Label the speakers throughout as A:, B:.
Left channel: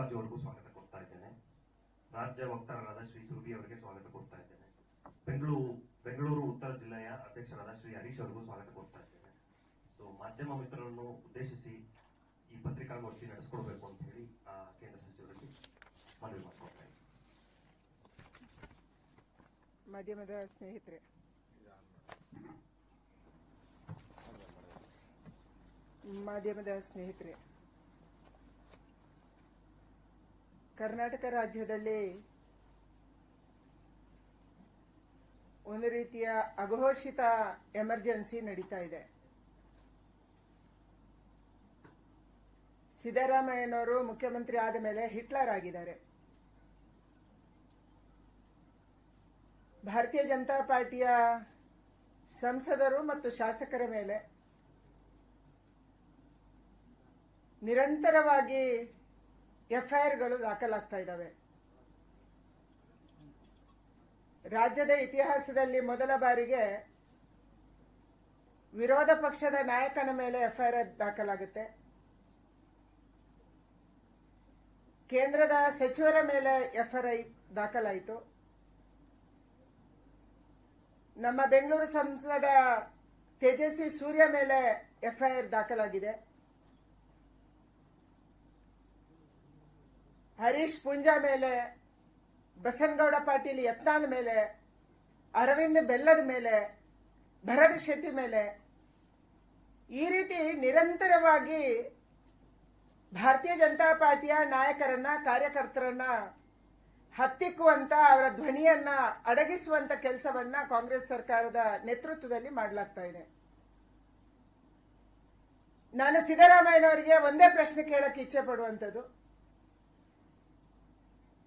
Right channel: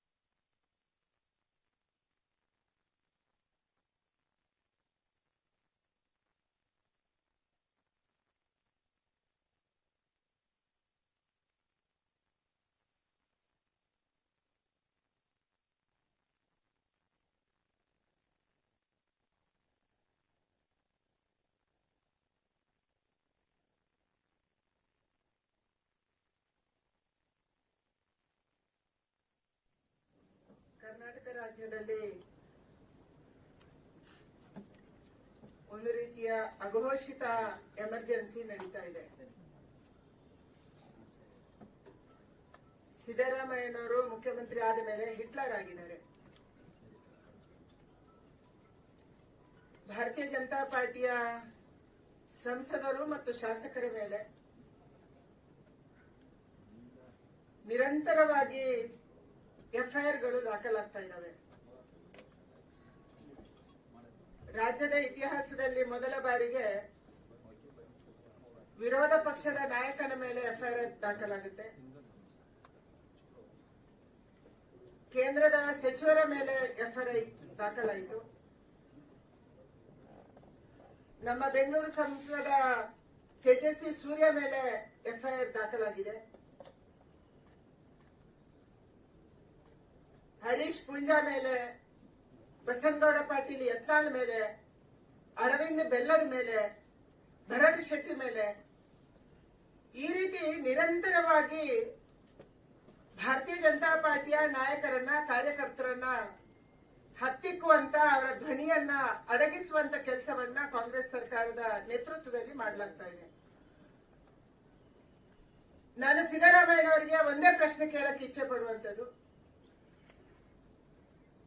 A: ಮಲ್ಲಿಕಾರ್ಜು ಅವರಿಗೂ ಸ್ವಾಗತ ಕೊಡ್ತಾ ಇದ್ದೇನೆ. ರಾಜ್ಯ ವಕ್ತಾರರಾದ ಶ್ರೀ ಸುರಭಿ ಅವರಿಗೆ ಸ್ವಾಗತ ಕೊಡ್ತಾ ಇದ್ದೇನೆ. ಬೆಂಗಳೂರು ಬೆಂಗಳೂರು ಉತ್ತರ ಜಿಲ್ಲೆಯ ಅಧ್ಯಕ್ಷರಾದ ಶ್ರೀ ಹರೀಶ್ ಅವರಿಗೂ ಸ್ವಾಗತ ಕೊಡ್ತಾ ಇದ್ದೇನೆ. ಸೊ ಮಾಧ್ಯಮ ಮಿತ್ರರನ್ನು ಉದ್ದೇಶಿಸಿ ಈ ಪತ್ರಿಕಾಗೋಷ್ಠಿ ನಡೆಸ್ಕೊಡ್ಬೇಕು ಅಂತ ಹೇಳಿ, ಆ, ಕೇಂದ್ರ ಸಚಿವರಲ್ಲಿ ಮನವಿ ಇದ್ದೀನಿ.
B: ಮಾಧ್ಯಮದ ಸ್ನೇಹಿತರೆ. ಮಾಧ್ಯಮದ ಸ್ನೇಹಿತರೆ ಕರ್ನಾಟಕ ರಾಜ್ಯದಲ್ಲಿ ಒಂದು ರೀತಿಯ ಅಘೋಷಿತ ಎಮರ್ಜೆನ್ಸಿ ನಡೀತಾ ಇದೆ. ಸಿದ್ದರಾಮಯ್ಯನವರು ಮುಖ್ಯಮಂತ್ರಿ ಆದ ಮೇಲೆ ಹಿಟ್ಲರ್ ಆಗಿದ್ದಾರೆ. ಭಾರತೀಯ ಜನತಾ ಪಾರ್ಟಿಯ ಸಂಸದರು ಮತ್ತು ಶಾಸಕರ ಮೇಲೆ ನಿರಂತರವಾಗಿ ಎಫ್ಐಆರ್ಗಳು ದಾಖಲಾಗ್ತಾ ಇದ್ದಾವೆ. ರಾಜ್ಯದ ಇತಿಹಾಸದಲ್ಲಿ ಮೊದಲ ಬಾರಿಗೆ ವಿರೋಧ ಪಕ್ಷದ ನಾಯಕನ ಮೇಲೆ ಎಫ್ಐಆರ್ ದಾಖಲಾಗುತ್ತೆ. ಕೇಂದ್ರದ ಸಚಿವರ ಮೇಲೆ ಎಫ್ಐಆರ್ ದಾಖಲಾಯಿತು. ನಮ್ಮ ಬೆಂಗಳೂರು ಸಂಸದ ತೇಜಸ್ವಿ ಸೂರ್ಯ ಮೇಲೆ ಎಫ್ಐಆರ್ ದಾಖಲಾಗಿದೆ. ಹರೀಶ್ ಪುಂಜಾ ಮೇಲೆ, ಬಸನಗೌಡ ಪಾಟೀಲ್ ಯತ್ನಾಳ್ ಮೇಲೆ, ಅರವಿಂದ್ ಬೆಲ್ಲದ ಮೇಲೆ, ಭರತ್ ಶೆಟ್ಟಿ ಮೇಲೆ ಈ ರೀತಿ ನಿರಂತರವಾಗಿ ಭಾರತೀಯ ಜನತಾ ಪಾರ್ಟಿಯ ನಾಯಕರನ್ನ, ಕಾರ್ಯಕರ್ತರನ್ನ ಹತ್ತಿಕ್ಕುವಂತ, ಅವರ ಧ್ವನಿಯನ್ನ ಅಡಗಿಸುವಂತ ಕೆಲಸವನ್ನ ಕಾಂಗ್ರೆಸ್ ಸರ್ಕಾರದ ನೇತೃತ್ವದಲ್ಲಿ ಮಾಡಲಾಗ್ತಾ ಇದೆ. ನಾನು ಸಿದ್ದರಾಮಯ್ಯನವರಿಗೆ ಒಂದೇ ಪ್ರಶ್ನೆ ಕೇಳಕ್ಕೆ ಇಚ್ಛೆ ಪಡುವಂತದ್ದು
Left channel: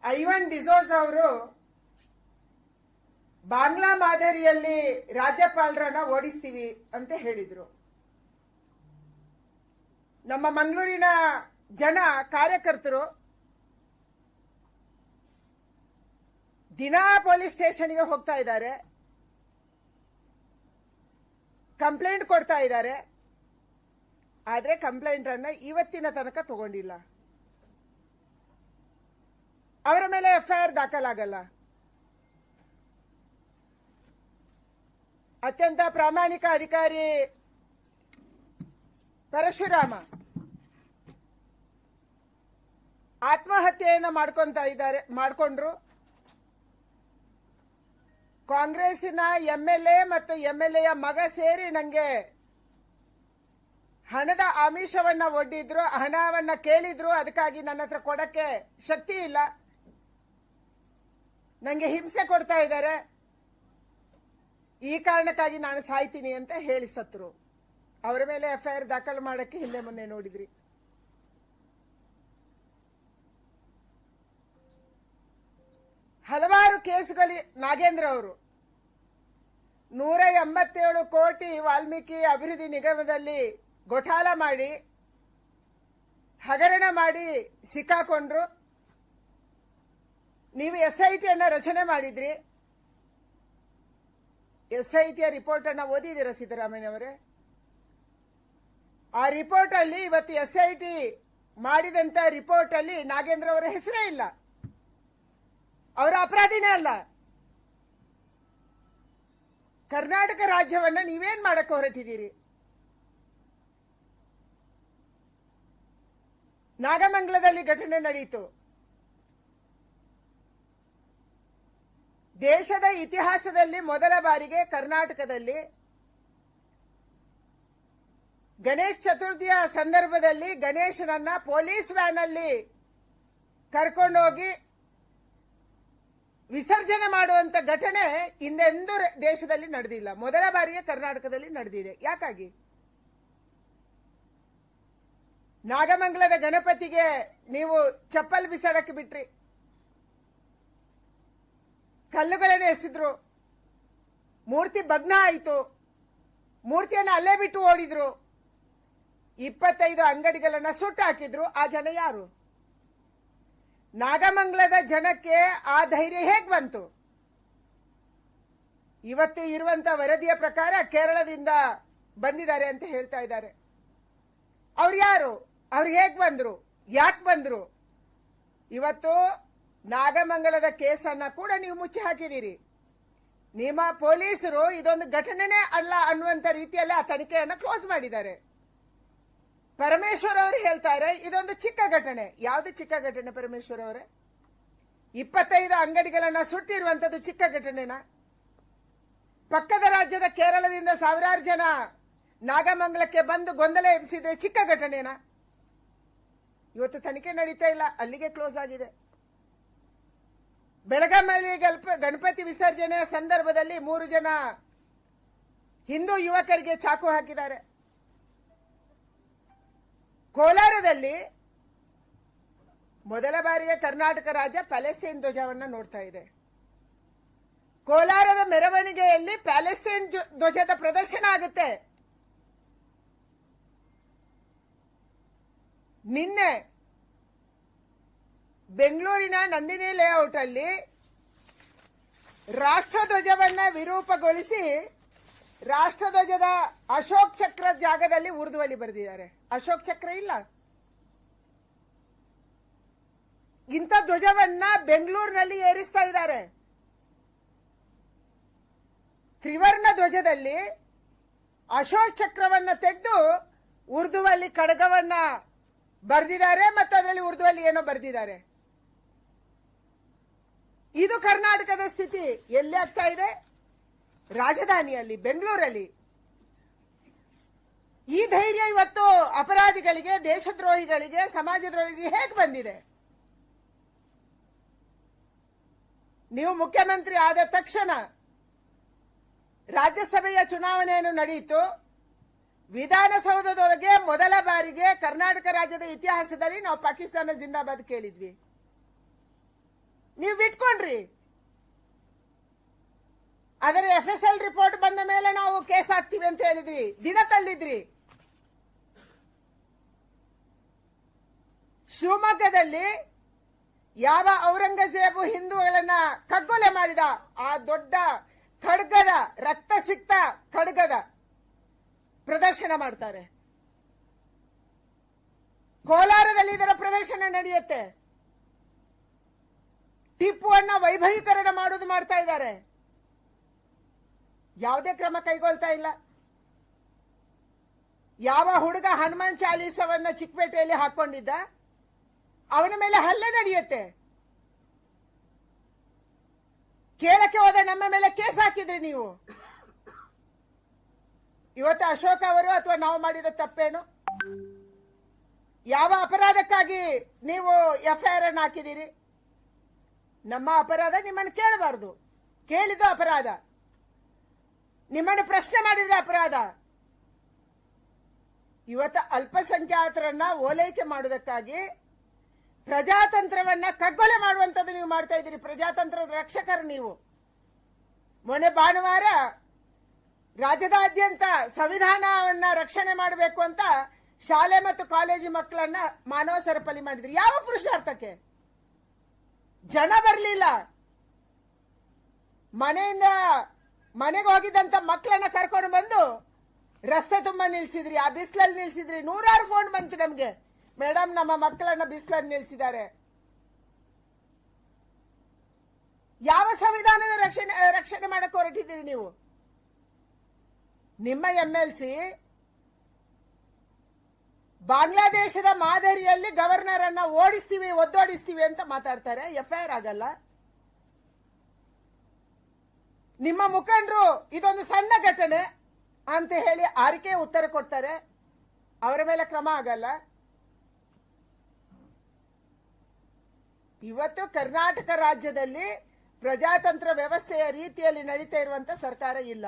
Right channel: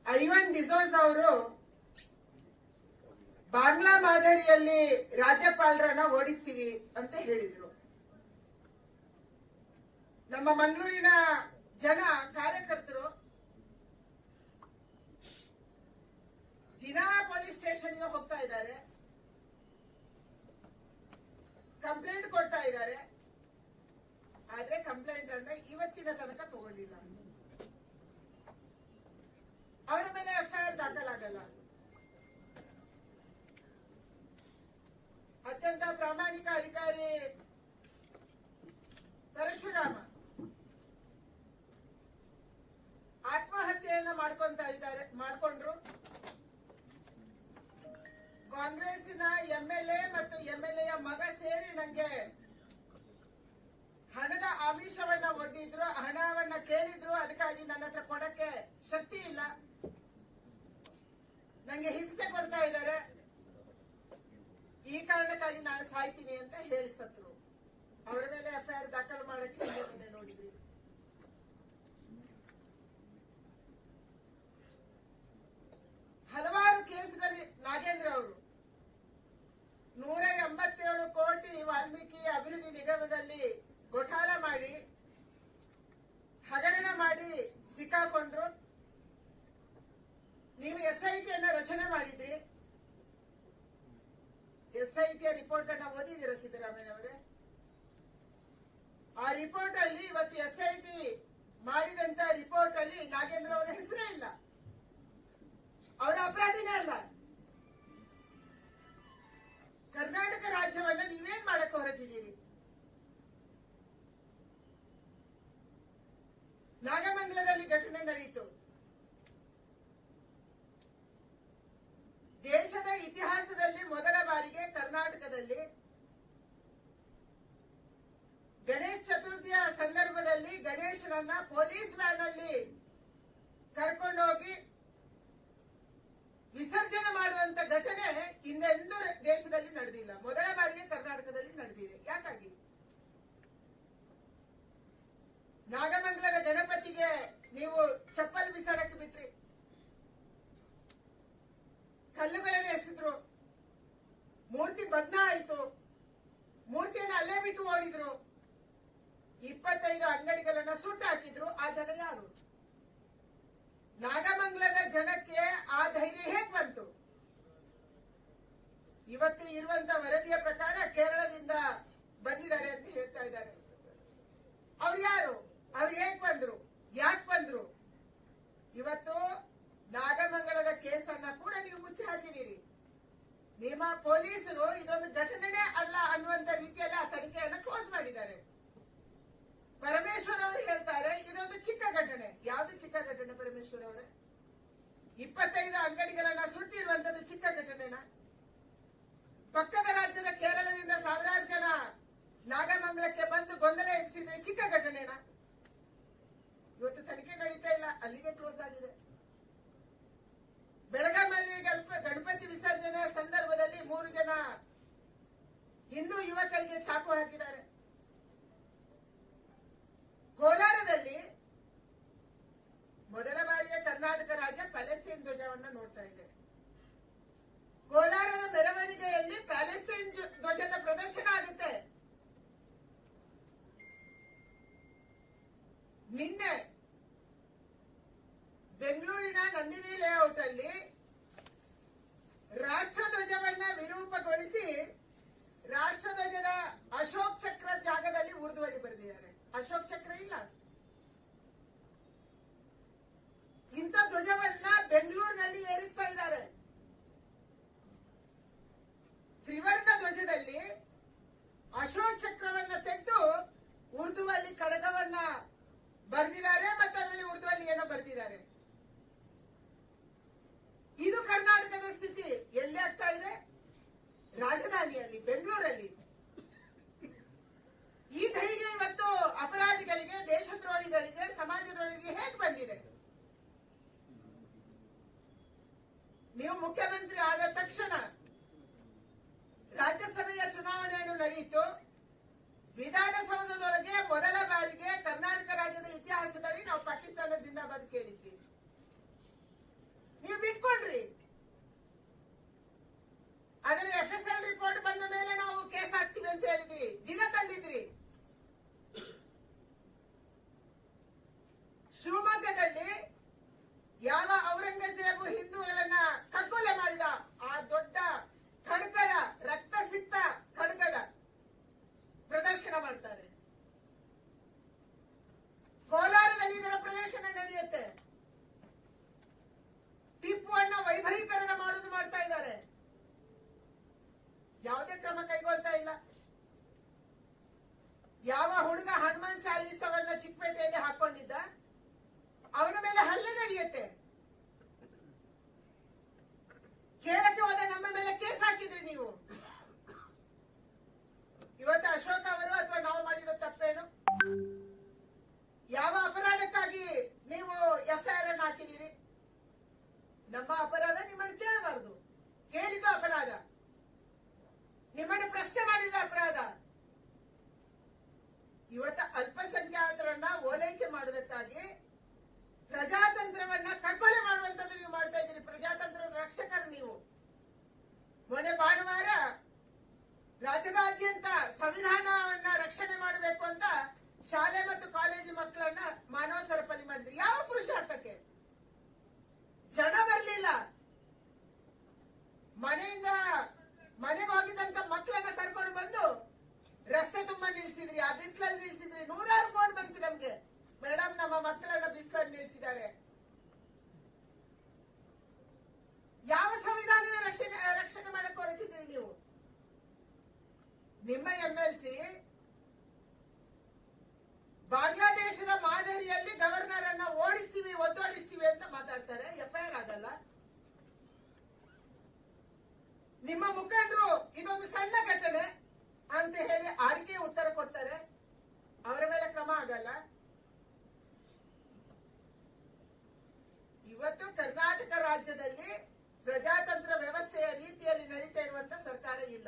B: ಐವನ್ ಡಿಸೋಸ್ ಅವರು ಬಾಂಗ್ಲಾ ಮಾದರಿಯಲ್ಲಿ ರಾಜ್ಯಪಾಲರನ್ನ ಓಡಿಸ್ತೀವಿ ಅಂತ ಹೇಳಿದ್ರು. ನಮ್ಮ ಮಂಗಳೂರಿನ ಜನ ಕಾರ್ಯಕರ್ತರು ದಿನಾ ಪೊಲೀಸ್ ಸ್ಟೇಷನ್ಗೆ ಹೋಗ್ತಾ ಇದ್ದಾರೆ. ಕಂಪ್ಲೇಂಟ್ ಕೊಡ್ತಾ ಇದ್ದಾರೆ. ಆದ್ರೆ ಕಂಪ್ಲೇಂಟ್ ಅನ್ನ ಇವತ್ತಿನ ತನಕ ತಗೊಂಡಿಲ್ಲ. ಅವರ ಮೇಲೆ ಎಫ್ಐಆರ್ ದಾಖಲಾಗಲ್ಲ. ಅತ್ಯಂತ ಪ್ರಾಮಾಣಿಕ ಅಧಿಕಾರಿ ಪರಶುರಾಮ ಆತ್ಮಹತ್ಯೆಯನ್ನ ಮಾಡ್ಕೊಂತ ಇದ್ದಾರೆ, ಮಾಡ್ಕೊಂಡ್ರು. ಕಾಂಗ್ರೆಸ್ಸಿನ ಎ ಮತ್ತು ಎಂಎಲ್ಎಯ ಮಗ ಸೇರಿ ನನಗೆ ಹಣದ ಆಮಿಷವನ್ನ ಒಡ್ಡಿದ್ರು, ಹಣವನ್ನ ಕೇಳಿದ್ರು, ಅದಕ್ಕಾಗಿ ನನ್ನ ಹತ್ರ ಕೊಡಕ್ಕೆ ಶಕ್ತಿ ಇಲ್ಲ. ನಂಗೆ ಹಿಂಸೆ ಕೊಡ್ತಾ ಇದ್ದಾರೆ. ಈ ಕಾರಣಕ್ಕಾಗಿ ನಾನು ಸಾಯ್ತೀನಿ ಅಂತ ಹೇಳಿ ಸತ್ರು. ಅವರ ಮೇಲೆ ಎಫ್ಐಆರ್ ದಾಖಲು ಮಾಡಕ್ಕೆ ಹಿಂದೆ ಮುಂದೆ ನೋಡಿದ್ರಿ. ಹಲವಾರು ಕೇಸುಗಳು ನಾಗೇಂದ್ರ ಅವರು. ನೂರ ಎಂಬತ್ತೇಳು ಕೋಟಿ ವಾಲ್ಮೀಕಿ ಅಭಿವೃದ್ಧಿ ನಿಗಮದಲ್ಲಿ ಘೋಟಾಲ ಮಾಡಿ ಹಗರಣ ಮಾಡಿ ಸಿಕ್ಕಾಕೊಂಡ್ರು. ನೀವು ಎಸ್ ಐ ಟಿಯನ್ನು ರಚನೆ ಮಾಡಿದ್ರಿ. ಎಸ್ ಐ ಟಿಯ ರಿಪೋರ್ಟ್ ಅನ್ನ ಓದಿದ್ದೀರಾ ಸಿದ್ದರಾಮಯ್ಯ ಅವರೇ? ಆ ರಿಪೋರ್ಟ್ ಅಲ್ಲಿ ಇವತ್ತು ಎಸ್ ಐ ಟಿ ಮಾಡಿದಂತ ರಿಪೋರ್ಟ್ ಅಲ್ಲಿ ನಾಗೇಂದ್ರ ಅವರ ಹೆಸರೇ ಇಲ್ಲ. ಅವರ ಅಪರಾಧಿನೇ ಅಲ್ಲ. ಕರ್ನಾಟಕ ರಾಜ್ಯವನ್ನ ನೀವೇನ್ ಮಾಡಕ್ಕೆ ಹೊರಟಿದ್ದೀರಿ? ನಾಗಮಂಗಲದಲ್ಲಿ ಘಟನೆ ನಡೆಯಿತು ದೇಶದ ಇತಿಹಾಸದಲ್ಲಿ ಮೊದಲ ಬಾರಿಗೆ ಕರ್ನಾಟಕದಲ್ಲಿ ಗಣೇಶ್ ಚತುರ್ಥಿಯ ಸಂದರ್ಭದಲ್ಲಿ ಗಣೇಶನನ್ನ ಪೊಲೀಸ್ ವ್ಯಾನ್ ಅಲ್ಲಿ ಕರ್ಕೊಂಡೋಗಿ ವಿಸರ್ಜನೆ ಮಾಡುವಂತ ಘಟನೆ ಹಿಂದೆಂದೂ ದೇಶದಲ್ಲಿ ನಡೆದಿಲ್ಲ. ಮೊದಲ ಬಾರಿಗೆ ಕರ್ನಾಟಕದಲ್ಲಿ ನಡೆದಿದೆ. ಯಾಕಾಗಿ? ನಾಗಮಂಗಲದ ಗಣಪತಿಗೆ ನೀವು ಚಪ್ಪಲ್ ಬಿಸಾಡಕ್ಕೆ ಬಿಟ್ರಿ. ಕಲ್ಲುಗಳನ್ನು ಎಸೆದ್ರು. ಮೂರ್ತಿ ಭಗ್ನ ಆಯಿತು. ಮೂರ್ತಿಯನ್ನು ಅಲ್ಲೇ ಬಿಟ್ಟು ಓಡಿದ್ರು. ಇಪ್ಪತ್ತೈದು ಅಂಗಡಿಗಳನ್ನ ಸುಟ್ಟು ಹಾಕಿದ್ರು. ಆ ಜನ ಯಾರು? ನಾಗಮಂಗಲದ ಜನಕ್ಕೆ ಆ ಧೈರ್ಯ ಹೇಗೆ ಬಂತು? ಇವತ್ತು ಇರುವಂತ ವರದಿಯ ಪ್ರಕಾರ ಕೇರಳದಿಂದ ಬಂದಿದ್ದಾರೆ ಅಂತ ಹೇಳ್ತಾ ಇದ್ದಾರೆ. ಅವ್ರು ಯಾರು? ಅವ್ರು ಹೇಗೆ ಬಂದ್ರು? ಯಾಕೆ ಬಂದ್ರು? ಇವತ್ತು ನಾಗಮಂಗಲದ ಕೇಸನ್ನ ಕೂಡ ನೀವು ಮುಚ್ಚಿ ಹಾಕಿದ್ದೀರಿ. ನಿಮ್ಮ ಪೊಲೀಸರು ಇದೊಂದು ಘಟನೆನೇ ಅಲ್ಲ ಅನ್ನುವಂತ ರೀತಿಯಲ್ಲಿ ಆ ತನಿಖೆಯನ್ನು ಕ್ಲೋಸ್ ಮಾಡಿದ್ದಾರೆ. ಪರಮೇಶ್ವರ್ ಅವರು ಹೇಳ್ತಾರೆ ಇದೊಂದು ಚಿಕ್ಕ ಘಟನೆ. ಯಾವುದು ಚಿಕ್ಕ ಘಟನೆ ಪರಮೇಶ್ವರ್ ಅವರೇ? ಇಪ್ಪತ್ತೈದು ಅಂಗಡಿಗಳನ್ನ ಸುಟ್ಟಿರುವಂತದ್ದು ಚಿಕ್ಕ ಘಟನೆನಾ? ಪಕ್ಕದ ರಾಜ್ಯದ ಕೇರಳದಿಂದ ಸಾವಿರಾರು ಜನ ನಾಗಮಂಗಲಕ್ಕೆ ಬಂದು ಗೊಂದಲ ಎಬ್ಬಿಸಿದ್ರೆ ಚಿಕ್ಕ ಘಟನೆನಾ? ಇವತ್ತು ತನಿಖೆ ನಡೀತಾ ಇಲ್ಲ, ಅಲ್ಲಿಗೆ ಕ್ಲೋಸ್ ಆಗಿದೆ. ಬೆಳಗಾಮಲ್ಲಿ ಗಣಪತಿ ವಿಸರ್ಜನೆಯ ಸಂದರ್ಭದಲ್ಲಿ ಮೂರು ಜನ ಹಿಂದೂ ಯುವಕರಿಗೆ ಚಾಕು ಹಾಕಿದ್ದಾರೆ. ಕೋಲಾರದಲ್ಲಿ ಮೊದಲ ಬಾರಿಗೆ ಕರ್ನಾಟಕ ರಾಜ್ಯ ಪ್ಯಾಲೆಸ್ತೀನ್ ಧ್ವಜವನ್ನು ನೋಡ್ತಾ ಇದೆ. ಕೋಲಾರದ ಮೆರವಣಿಗೆಯಲ್ಲಿ ಪ್ಯಾಲೆಸ್ತೀನ್ ಧ್ವಜದ ಪ್ರದರ್ಶನ ಆಗುತ್ತೆ. ನಿನ್ನೆ ಬೆಂಗಳೂರಿನ ನಂದಿನಿ ಲೇಔಟ್ ಅಲ್ಲಿ ರಾಷ್ಟ್ರಧ್ವಜವನ್ನ ವಿರೂಪಗೊಳಿಸಿ ರಾಷ್ಟ್ರಧ್ವಜದ ಅಶೋಕ್ ಚಕ್ರ ಜಾಗದಲ್ಲಿ ಉರ್ದುವಲ್ಲಿ ಬರೆದಿದ್ದಾರೆ. ಅಶೋಕ್ ಚಕ್ರ ಇಲ್ಲ. ಇಂಥ ಧ್ವಜವನ್ನ ಬೆಂಗಳೂರಿನಲ್ಲಿ ಏರಿಸ್ತಾ ಇದ್ದಾರೆ. ತ್ರಿವರ್ಣ ಧ್ವಜದಲ್ಲಿ ಅಶೋಕ್ ಚಕ್ರವನ್ನ ತೆಗೆದು ಉರ್ದುವಲ್ಲಿ ಕಡಗವನ್ನ ಬರೆದಿದ್ದಾರೆ ಮತ್ತೆ ಅದರಲ್ಲಿ ಉರ್ದುವಲ್ಲಿ ಏನೋ ಬರೆದಿದ್ದಾರೆ. ಇದು ಕರ್ನಾಟಕದ ಸ್ಥಿತಿ. ಎಲ್ಲಿ ಆಗ್ತಾ ಇದೆ? ರಾಜಧಾನಿಯಲ್ಲಿ, ಬೆಂಗಳೂರಲ್ಲಿ. ಈ ಧೈರ್ಯ ಇವತ್ತು ಅಪರಾಧಿಗಳಿಗೆ, ದೇಶದ್ರೋಹಿಗಳಿಗೆ, ಸಮಾಜದ್ರೋಹಿಗಳಿಗೆ ಹೇಗೆ ಬಂದಿದೆ? ನೀವು ಮುಖ್ಯಮಂತ್ರಿ ಆದ ತಕ್ಷಣ ರಾಜ್ಯಸಭೆಯ ಚುನಾವಣೆಯನ್ನು ನಡೆಯಿತು. ವಿಧಾನಸೌಧದೊಳಗೆ ಮೊದಲ ಬಾರಿಗೆ ಕರ್ನಾಟಕ ರಾಜ್ಯದ ಇತಿಹಾಸದಲ್ಲಿ ನಾವು ಪಾಕಿಸ್ತಾನ ಜಿಂದಾಬಾದ್ ಕೇಳಿದ್ವಿ. ನೀವು ಬಿಟ್ಕೊಂಡ್ರಿ ಅದರ ಎಫ್ ಎಸ್ ಎಲ್ ರಿಪೋರ್ಟ್ ಬಂದ ಮೇಲೆ ನಾವು ಕೇಸ್ ಹಾಕ್ತೀವಿ ಅಂತ ಹೇಳಿದ್ರಿ. ದಿನ ತಳ್ಳಿದ್ರಿ. ಶಿವಮೊಗ್ಗದಲ್ಲಿ ಯಾವ ಔರಂಗಜೇಬು ಹಿಂದೂಗಳನ್ನ ಕಗ್ಗೊಲೆ ಮಾಡಿದ? ಆ ದೊಡ್ಡ ಖಡ್ಗದ ರಕ್ತ ಸಿಕ್ತ ಖಡ್ಗದ ಪ್ರದರ್ಶನ ಮಾಡ್ತಾರೆ. ಕೋಲಾರದಲ್ಲಿ ಇದರ ಪ್ರದರ್ಶನ ನಡೆಯುತ್ತೆ. ಟಿಪ್ಪುವನ್ನ ವೈಭವೀಕರಣ ಮಾಡೋದು ಮಾಡ್ತಾ ಇದ್ದಾರೆ. ಯಾವುದೇ ಕ್ರಮ ಕೈಗೊಳ್ತಾ ಇಲ್ಲ. ಯಾವ ಹುಡುಗ ಹನುಮಾನ್ ಚಾಲೀಸವನ್ನ ಚಿಕ್ಕಪೇಟೆಯಲ್ಲಿ ಹಾಕೊಂಡಿದ್ದ? ಅವನ ಮೇಲೆ ಹಲ್ಲೆ ನಡೆಯುತ್ತೆ. ಕೇಳಕ್ಕೆ ಹೋದ ನಮ್ಮ ಮೇಲೆ ಕೇಸ್ ಹಾಕಿದ್ರಿ ನೀವು. ಇವತ್ತು ಅಶೋಕ್ ಅವರು ಅಥವಾ ನಾವು ಮಾಡಿದ ತಪ್ಪೇನು? ಯಾವ ಅಪರಾಧಕ್ಕಾಗಿ ನೀವು ಎಫ್ಐಆರ್ ಅನ್ನು ಹಾಕಿದ್ದೀರಿ? ನಮ್ಮ ಅಪರಾಧ ನಿಮ್ಮನ್ನು ಕೇಳಬಾರದು. ಕೇಳಿದ ಅಪರಾಧ. ನಿಮ್ಮನ್ನು ಪ್ರಶ್ನೆ ಮಾಡಿದ್ರೆ ಅಪರಾಧ. ಇವತ್ತು ಅಲ್ಪಸಂಖ್ಯಾತರನ್ನ ಓಲೈಕೆ ಮಾಡುವುದಕ್ಕಾಗಿ ಪ್ರಜಾತಂತ್ರವನ್ನ ಕಗ್ಗೊಲೆ ಮಾಡುವಂತದ್ದು ನೀವು ಮಾಡ್ತಾ ಇದ್ದೀರಿ. ಪ್ರಜಾತಂತ್ರದ ರಕ್ಷಕರು ನೀವು. ಮೊನ್ನೆ ಭಾನುವಾರ ರಾಜ್ಯದಾದ್ಯಂತ ಸಂವಿಧಾನವನ್ನ ರಕ್ಷಣೆ ಮಾಡಬೇಕು ಅಂತ ಶಾಲೆ ಮತ್ತು ಕಾಲೇಜು ಮಕ್ಕಳನ್ನ ಮಾನವ ಸರಪಳಿ ಮಾಡಿದ್ರಿ. ಯಾವ ಪುರುಷಾರ್ಥಕ್ಕೆ? ಜನ ಬರಲಿಲ್ಲ. ಮನೆಯಿಂದ ಮನೆಗೆ ಹೋಗಿದ್ದಂತ ಮಕ್ಕಳನ್ನ ಕರ್ಕೊಂಡು ಬಂದು ರಸ್ತೆ ತುಂಬಾ ನಿಲ್ಸಿದ್ರಿ. ಆ ಬಿಸಿಲಲ್ಲಿ ನಿಲ್ಸಿದ್ರಿ. ನೂರಾರು ಫೋನ್ ಬಂತು ನಮ್ಗೆ. ಮೇಡಮ್ ನಮ್ಮ ಮಕ್ಕಳನ್ನ ಬಿಸಿಲಲ್ಲಿ ನಿಲ್ಸಿದ್ದಾರೆ. ಯಾವ ಸಂವಿಧಾನದ ರಕ್ಷಣೆ ರಕ್ಷಣೆ ಮಾಡಕ್ಕೆ ಹೊರಟಿದ್ದೀರಿ ನೀವು? ನಿಮ್ಮ ಎಂ ಎಲ್ ಸಿ ಬಾಂಗ್ಲಾದೇಶದ ಮಾದರಿಯಲ್ಲಿ ಗವರ್ನರ್ ಅನ್ನ ಓಡಿಸ್ತೀವಿ, ಒದ್ದೋಡಿಸ್ತೀವಿ ಅಂತ ಮಾತಾಡ್ತಾರೆ. ಎಫ್ಐಆರ್ ಆಗಲ್ಲ. ನಿಮ್ಮ ಮುಖಂಡರು ಇದೊಂದು ಸಣ್ಣ ಘಟನೆ ಅಂತ ಹೇಳಿ ಆರಿಕೆ ಉತ್ತರ ಕೊಡ್ತಾರೆ. ಅವರ ಮೇಲೆ ಕ್ರಮ ಆಗಲ್ಲ. ಇವತ್ತು ಕರ್ನಾಟಕ ರಾಜ್ಯದಲ್ಲಿ ಪ್ರಜಾತಂತ್ರ ವ್ಯವಸ್ಥೆಯ ರೀತಿಯಲ್ಲಿ ನಡೀತಾ ಇರುವಂತ ಸರ್ಕಾರ ಇಲ್ಲ.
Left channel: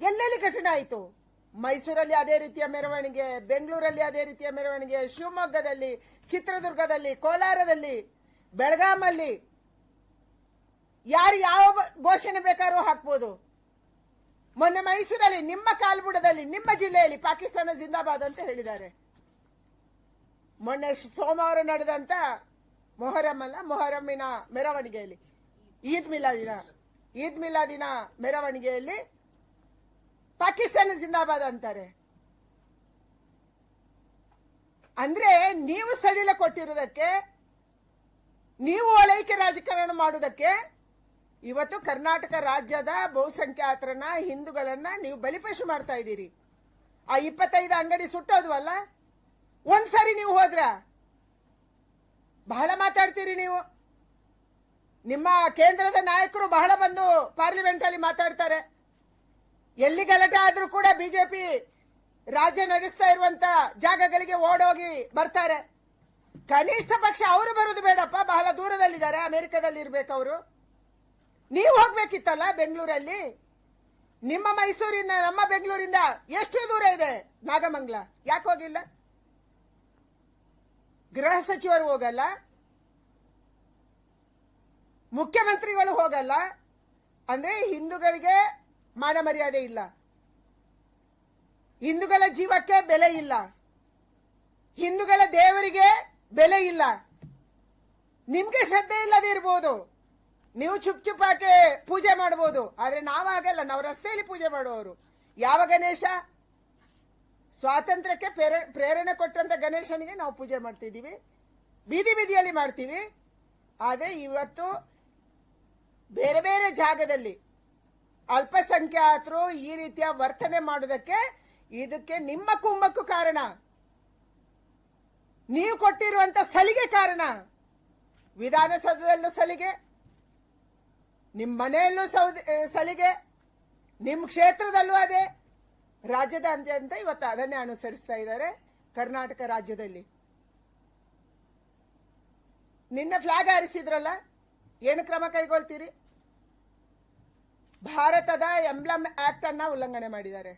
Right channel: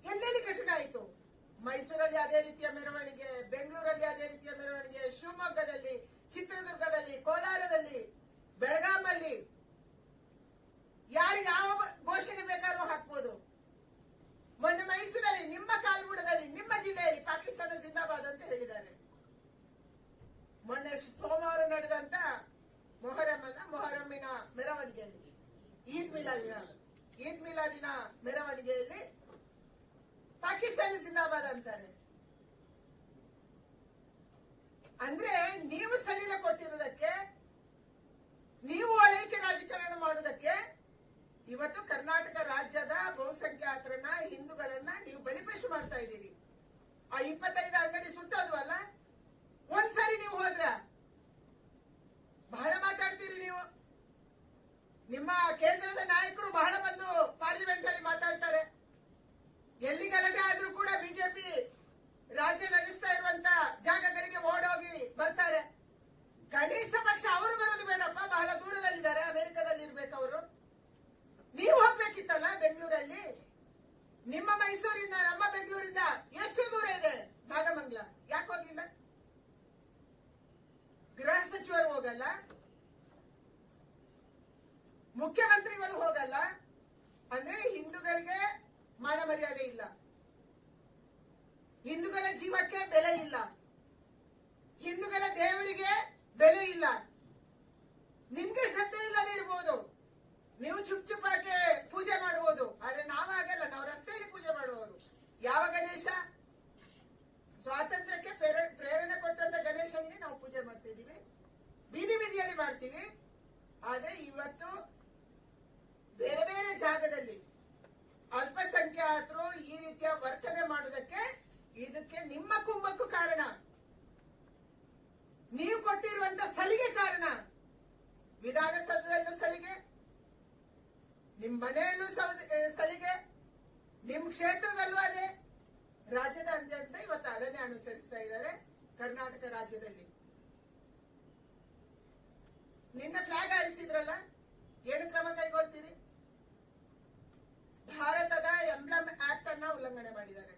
B: ಎಲ್ಲೆಲ್ಲಿ ಘಟನೆ ಆಯಿತು? ಮೈಸೂರಲ್ಲಿ ಅದೇ ರೀತಿಯ ಮೆರವಣಿಗೆ, ಬೆಂಗಳೂರಲ್ಲಿ ಅದೇ ರೀತಿಯ ಮೆರವಣಿಗೆ, ಶಿವಮೊಗ್ಗದಲ್ಲಿ, ಚಿತ್ರದುರ್ಗದಲ್ಲಿ, ಕೋಲಾರದಲ್ಲಿ ಬೆಳಗಾಮಲ್ಲಿ ಯಾರು ಯಾವ ಘೋಷಣೆ ಬೇಕಾದ್ರೂ ಹಾಕ್ಬೋದು. ಮೊನ್ನೆ ಮೈಸೂರಲ್ಲಿ, ನಿಮ್ಮ ಕಾಲ್ಬುಡದಲ್ಲಿ, ನಿಮ್ಮ ಜಿಲ್ಲೆಯಲ್ಲಿ ಪಾಕಿಸ್ತಾನ ಜಿಂದಾಬಾದ್ ಅಂತ ಹೇಳಿದ್ದಾರೆ. ಮೊನ್ನೆ ಸೋಮವಾರ ನಡೆದಂತ ಮೊಹರಂ ಅಲ್ಲ, ಮೊಹರಮ್ಮಿನ ಮೆರವಣಿಗೆಯಲ್ಲಿ, ಈದ್ ಮಿಲಾದಿನ ಈದ್ ಮಿಲಾದಿನ ಮೆರವಣಿಗೆಯಲ್ಲಿ ಪಾಕಿಸ್ತಾನ ಜಿಂದಾಬಾದ್ ಅಂತಾರೆ. ಅಂದ್ರೆ ನೀವು ಸಡಿಲ ಕೊಟ್ಟಿರೋದಕ್ಕೆ, ನೀವು ಓಲೈಕೆ ರಾಜಕಾರಣ ಮಾಡುವುದಕ್ಕೆ, ಇವತ್ತು ಕರ್ನಾಟಕ ರಾಜ್ಯದ ಬಹುಸಂಖ್ಯಾತರನ್ನ, ಹಿಂದೂಗಳನ್ನ ನೀವು ಬಲಿಪಶು ಮಾಡ್ತಾ ಇದ್ದೀರಿ. ಆ ಇಪ್ಪತ್ತೈದು ಅಂಗಡಿ ಸುಟ್ಟೋದು ಅಲ್ಲ ಒಂದ್ಸರಿ ನೀವು ಹೋದ್ರ? ಬಹಳ ಮಾತಾಡ್ತೀರಿ ನೀವು. ನಿಮ್ಮ ಕೇಂದ್ರದ ನಾಯಕರು ಬಹಳ ಬಂದು ಪಾರ್ಲಿಮೆಂಟ್ ಅಲ್ಲಿ ಮಾತಾಡ್ತಾರೆ. ಎಲ್ಲಿ ಗಲಾಟೆ ಆದ್ರೂ ಕೂಡ ಬಿಜೆಪಿ ರಾಜ್ಯ ನಡೆಸ್ತಾ ಇರುವಂತ ಜಾಗಗಳಿಗೆ ಓಡೋಗಿ ಬರ್ತಾರೆ. ಕನಿಷ್ಠ ಪಕ್ಷ ಅವರು ಬರೋದು ಬೇಡಪ್ಪ. ಬಹಳ ದೂರದಲ್ಲಿದ್ದಾರೆ. ಅಮೆರಿಕದಲ್ಲಿ ಇರ್ಬೇಕು ಅವರು. ನೀವು ಹೋಗ್ಬೇಕಿತ್ತಲ್ಲ ಬೆಂಗಳೂರಲ್ಲಿ? ನಿಮ್ಮ ಮೈಸೂರಿಂದ, ನಮ್ಮ ಬೆಂಗಳೂರಿಂದ ಎಷ್ಟು ದೂರ ಇದೆ ನಾಗಮಂಗ್ಲ? ಯಾಕೆ ಹೋಗಿಲ್ಲ? ಗೃಹ ಸಚಿವರು ಹೋಗಲ್ಲ. ಮುಖ್ಯಮಂತ್ರಿಗಳು ಹೋಗಲ್ಲ. ಅಂದ್ರೆ ಹಿಂದೂಗಳಿಗೆ ಮಾನ ಮರ್ಯಾದೆ ಇಲ್ಲ. ಹಿಂದೂಗಳ ಜೀವಕ್ಕೆ ಬೆಲೆ ಇಲ್ಲ. ಹಿಂದೂಗಳ ದೇವರಿಗೆ ಬೆಲೆ ಇಲ್ಲ. ನಿಮ್ಗೆ ಶ್ರದ್ಧೆ ಇಲ್ಲದೆ ಇರ್ಬೋದು. ನೀವು ಚುಪ್ ಚುಪ್ಪಾಗೆ ಪೂಜೆ ಮಾಡ್ಬೋದು. ಆದ್ರೆ ನಾವಾಗಲ್ಲ ನಾವು ರಸ್ತೆಯಲ್ಲಿ ಪೂಜೆ ಮಾಡುವವರು. ಯಾವ ಗಣೇಶ? ಸ್ವಾತಂತ್ರ್ಯಕ್ಕೆ ಪ್ರೇರ- ಪ್ರೇರಣೆ ಕೊಟ್ಟಂತ ಗಣೇಶನಿಗೆ ನಾವು ಪೂಜೆ ಮಾಡ್ತಿದ್ದೀವಿ. ಬೀದಿ ಬೀದಿಯಲ್ಲಿ ಮಾಡ್ತೀವಿ. ಆದ್ರೆ ಇವತ್ತು ಬೇರೆ ಬೇರೆ ಜಾಗದಲ್ಲಿ ಅಲ್ಪಸಂಖ್ಯಾತರು ಈ ರೀತಿಯ ವರ್ತನೆ ಮಾಡೋದಕ್ಕೆ ಇದಕ್ಕೆ ನಿಮ್ಮ ಕುಮ್ಮಕ್ಕು ಕಾರಣ. ನೀವು ಕೊಟ್ಟಿರುವಂತ ಸಲಿಗೆ ಕಾರಣ. ವಿಧಾನಸೌಧದಲ್ಲೂ ಸಲಿಗೆ ನಿಮ್ಮ ಮನೆಯಲ್ಲೂ ಸಲಿಗೆ ನಿಮ್ಮ ಕ್ಷೇತ್ರದಲ್ಲೂ ಅದೇ. ರಾಜ್ಯದಾದ್ಯಂತ ಇವತ್ತು ಅದನ್ನೇ ಅನುಸರಿಸ್ತಾ ಇದ್ದಾರೆ ಕರ್ನಾಟಕ ರಾಜ್ಯದಲ್ಲಿ. ನಿನ್ನ ಫ್ಲಾಗ್ ಹಾರಿಸಿದ್ರಲ್ಲ, ಏನು ಕ್ರಮ ಕೈಗೊಳ್ತೀರಿ? ಭಾರತದ ಎಂಬ್ಲಮ್ ಆಕ್ಟ್ ಅನ್ನ ಉಲ್ಲಂಘನೆ ಮಾಡಿದ್ದಾರೆ.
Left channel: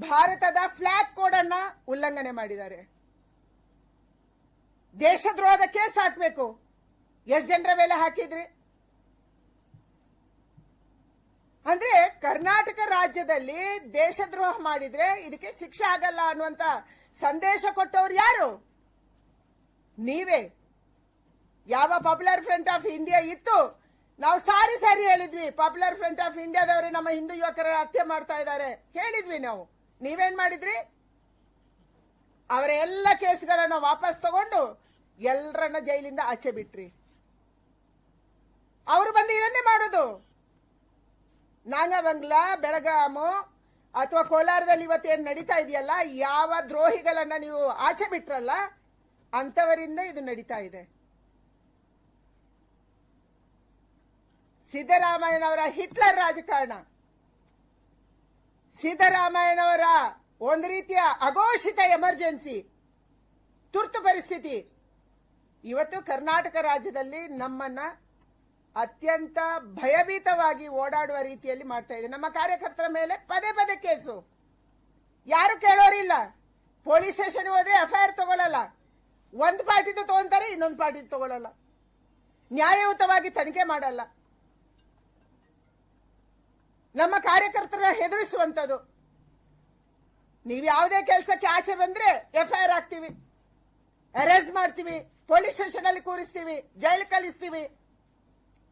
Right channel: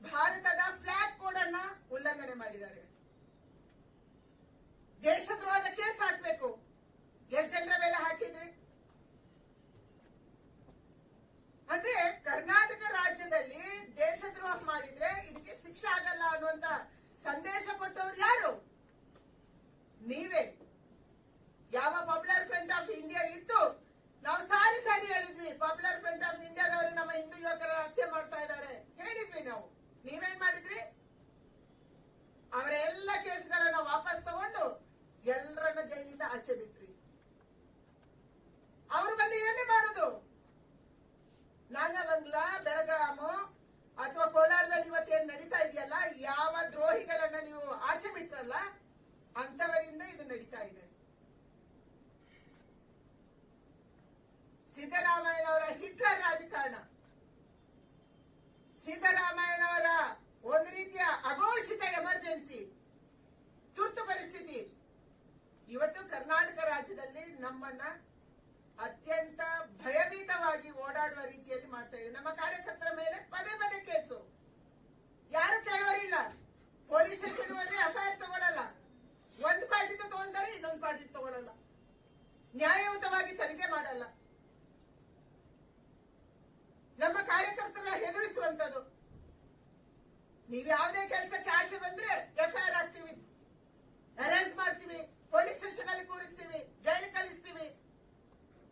B: ಭಾರತದ ಫ್ಲಾಗ್ ಕೋಡ್ ಅನ್ನ ಉಲ್ಲಂಘನೆ ಮಾಡಿದ್ದಾರೆ. ದೇಶದ್ರೋಹದ ಕೇಸ್ ಹಾಕ್ಬೇಕು ಎಷ್ಟು ಜನರ ಮೇಲೆ ಹಾಕಿದ್ರಿ? ಅಂದ್ರೆ ಕರ್ನಾಟಕ ರಾಜ್ಯದಲ್ಲಿ ದೇಶದ್ರೋಹ ಮಾಡಿದ್ರೆ ಇದಕ್ಕೆ ಶಿಕ್ಷೆ ಆಗಲ್ಲ ಅನ್ನುವಂತ ಸಂದೇಶ ಕೊಟ್ಟವ್ರು ಯಾರು? ನೀವೇ. ಯಾವ ಪಾಪ್ಯುಲರ್ ಫ್ರಂಟ್ ಆಫ್ ಇಂಡಿಯಾ ಇತ್ತು. ನಾವು ಸಾರಿ ಸಾರಿ ಹೇಳಿದ್ವಿ. ಪಾಪ್ಯುಲರ್ ಫ್ರಂಟ್ ಆಫ್ ಇಂಡಿಯಾದವರೇ ನಮ್ಮ ಹಿಂದೂ ಯುವಕರ ಹತ್ಯೆ ಮಾಡ್ತಾ ಇದ್ದಾರೆ. ಹೇಳಿದ್ವಿ ನಾವು. ನೀವೇನ್ ಮಾಡಿದ್ರಿ? ಅವರ ಎಲ್ಲ ಕೇಸ್ಗಳನ್ನ ವಾಪಸ್ ತಗೊಂಡು ಎಲ್ಲರನ್ನ ಜೈಲಿಂದ ಆಚೆ ಬಿಟ್ರಿ. ಅವರು ಬಂದು ಏನೇ ಮಾಡೋದು? ನಾಗಮಂಗಲ ಬೆಳಗಾಮು ಅಥವಾ ಕೋಲಾರದಲ್ಲಿ ಏನು ನಡೀತಾ ಇದೆಯಲ್ಲ, ಯಾವ ದ್ರೋಹಿಗಳನ್ನ ನೀವು ಆಚೆ ಬಿಟ್ರಲ್ಲ ಅಂತವರಿಂದ ಇದು ನಡೀತಾ ಇದೆ. ಸಿದ್ದರಾಮಯ್ಯನವರ ಹಿಟ್ಲರ್ ರಾಜಕಾರಣ. ಸಿದ್ದರಾಮಯ್ಯನವರ ಒಂದು ರೀತಿಯ ಅಘೋಷಿತ ಎಮರ್ಜೆನ್ಸಿ, ತುರ್ತು ಪರಿಸ್ಥಿತಿ. ಇವತ್ತು ಕರ್ನಾಟಕ ರಾಜ್ಯದಲ್ಲಿ ನಮ್ಮನ್ನ ಅತ್ಯಂತ ಭಯಭೀತವಾಗಿ ಓಡಾಡುವ ರೀತಿಯಲ್ಲಿ ಮಾಡ್ತಾ ಇದೆ. ನಮ್ಮ ಕಾರ್ಯಕರ್ತರ ಮೇಲೆ ಪದೇ ಪದೇ ಕೇಸು. ಯಾರು ಕೇಳೋರಿಲ್ಲ. ಪೊಲೀಸ್ ಸ್ಟೇಷನ್ ಹೋದ್ರೆ ಎಫ್ಐಆರ್ ತಗೊಳ್ಳಲ್ಲ ಒಂದು ಪಾರ್ಟಿದು ತಗೊಂತಾರೆ, ಇನ್ನೊಂದು ಪಾರ್ಟಿದು ತಗೊಳ್ಳಲ್ಲ ನ್ಯಾಯಯುತವಾಗಿ ತನಿಖೆ ಮಾಡಲ್ಲ. ನಮ್ಮ ಕಾರ್ಯಕರ್ತರ ಹೆದರಿಸುವಂತದ್ದು ನೀವು ಯಾವುದೇ ಕೆಲಸಕ್ಕೆ ಆಚೆ ಬಂದ್ರೆ ಎಫ್ಐಆರ್ ಹಾಕ್ತೀವಿ, ಅರೆಸ್ಟ್ ಮಾಡ್ತೀವಿ, ಪೊಲೀಸ್ ಸ್ಟೇಷನ್ ಅಲ್ಲಿ ಕೂರಿಸ್ತೀವಿ, ಜೈಲು ಕಳಿಸ್ತೀವಿ.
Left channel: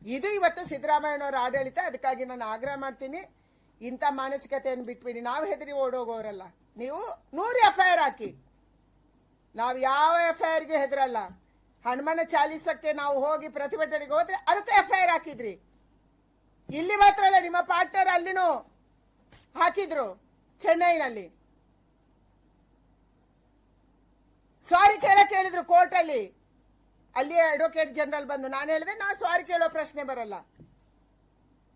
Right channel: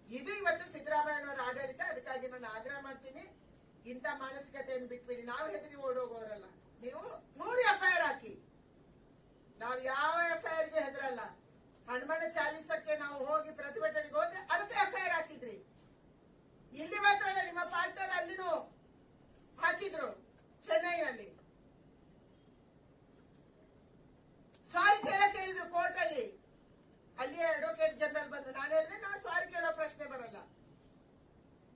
B: ಇದು ಇವತ್ತು ಸಿದ್ದರಾಮಯ್ಯನವರ ಆಡಳಿತ, ಅದಕ್ಕಾಗಿ ನಾನು ಆಗ್ರಹ ಮಾಡ್ತೀನಿ. ಇಂಥ ಮಾನಸಿಕತೆಯನ್ನು ಬಿಟ್ಬಿಡಿ. ನಾವು ಹೆದರಿ ಓಡೋಗೋರಲ್ಲ. ನೀವು ನೂರು ಎಫ್ಐಆರ್ ಹಾಕಿ. ನಾವು ಯಾವ ಎಫ್ಐಆರ್ಗೆ ಹೆದರಲ್ಲ. ಹನುಮನ ಚಾಲೀಸಕ್ಕೆ ನಾವು ಹೋಗಿ ಪ್ರತಿಭಟನೆಗೆ ಹೋದ್ರೆ ಅದಕ್ಕೆ ಎಫ್ಐಆರ್ ಹಾಕಿದ್ರಿ. ಇಲ್ಲಿ ಮಾತ್ರ ಅಲ್ಲ, ನಿಮ್ಮ ಪಾರ್ಟ್ನರ್ ಅಲ್ಲಿನೂ ಹಾಕಿದ್ರು, ಚೆನ್ನೈನಲ್ಲಿ. ಸಾರಿ ಕೇಳ ಕೇಳಿದ್ರು ಕೋರ್ಟ್ ಅಲ್ಲಿ ಅಲ್ಲಿ ಅಡ್ವೊಕೇಟ್ ಜನರಲ್ ಬಂದು. ನಾನು ಹೇಳಿದೆ ನಾ ಸಾರಿ ಕೇಳೋ ಪ್ರಶ್ನೆ ಬರಲ್ಲ.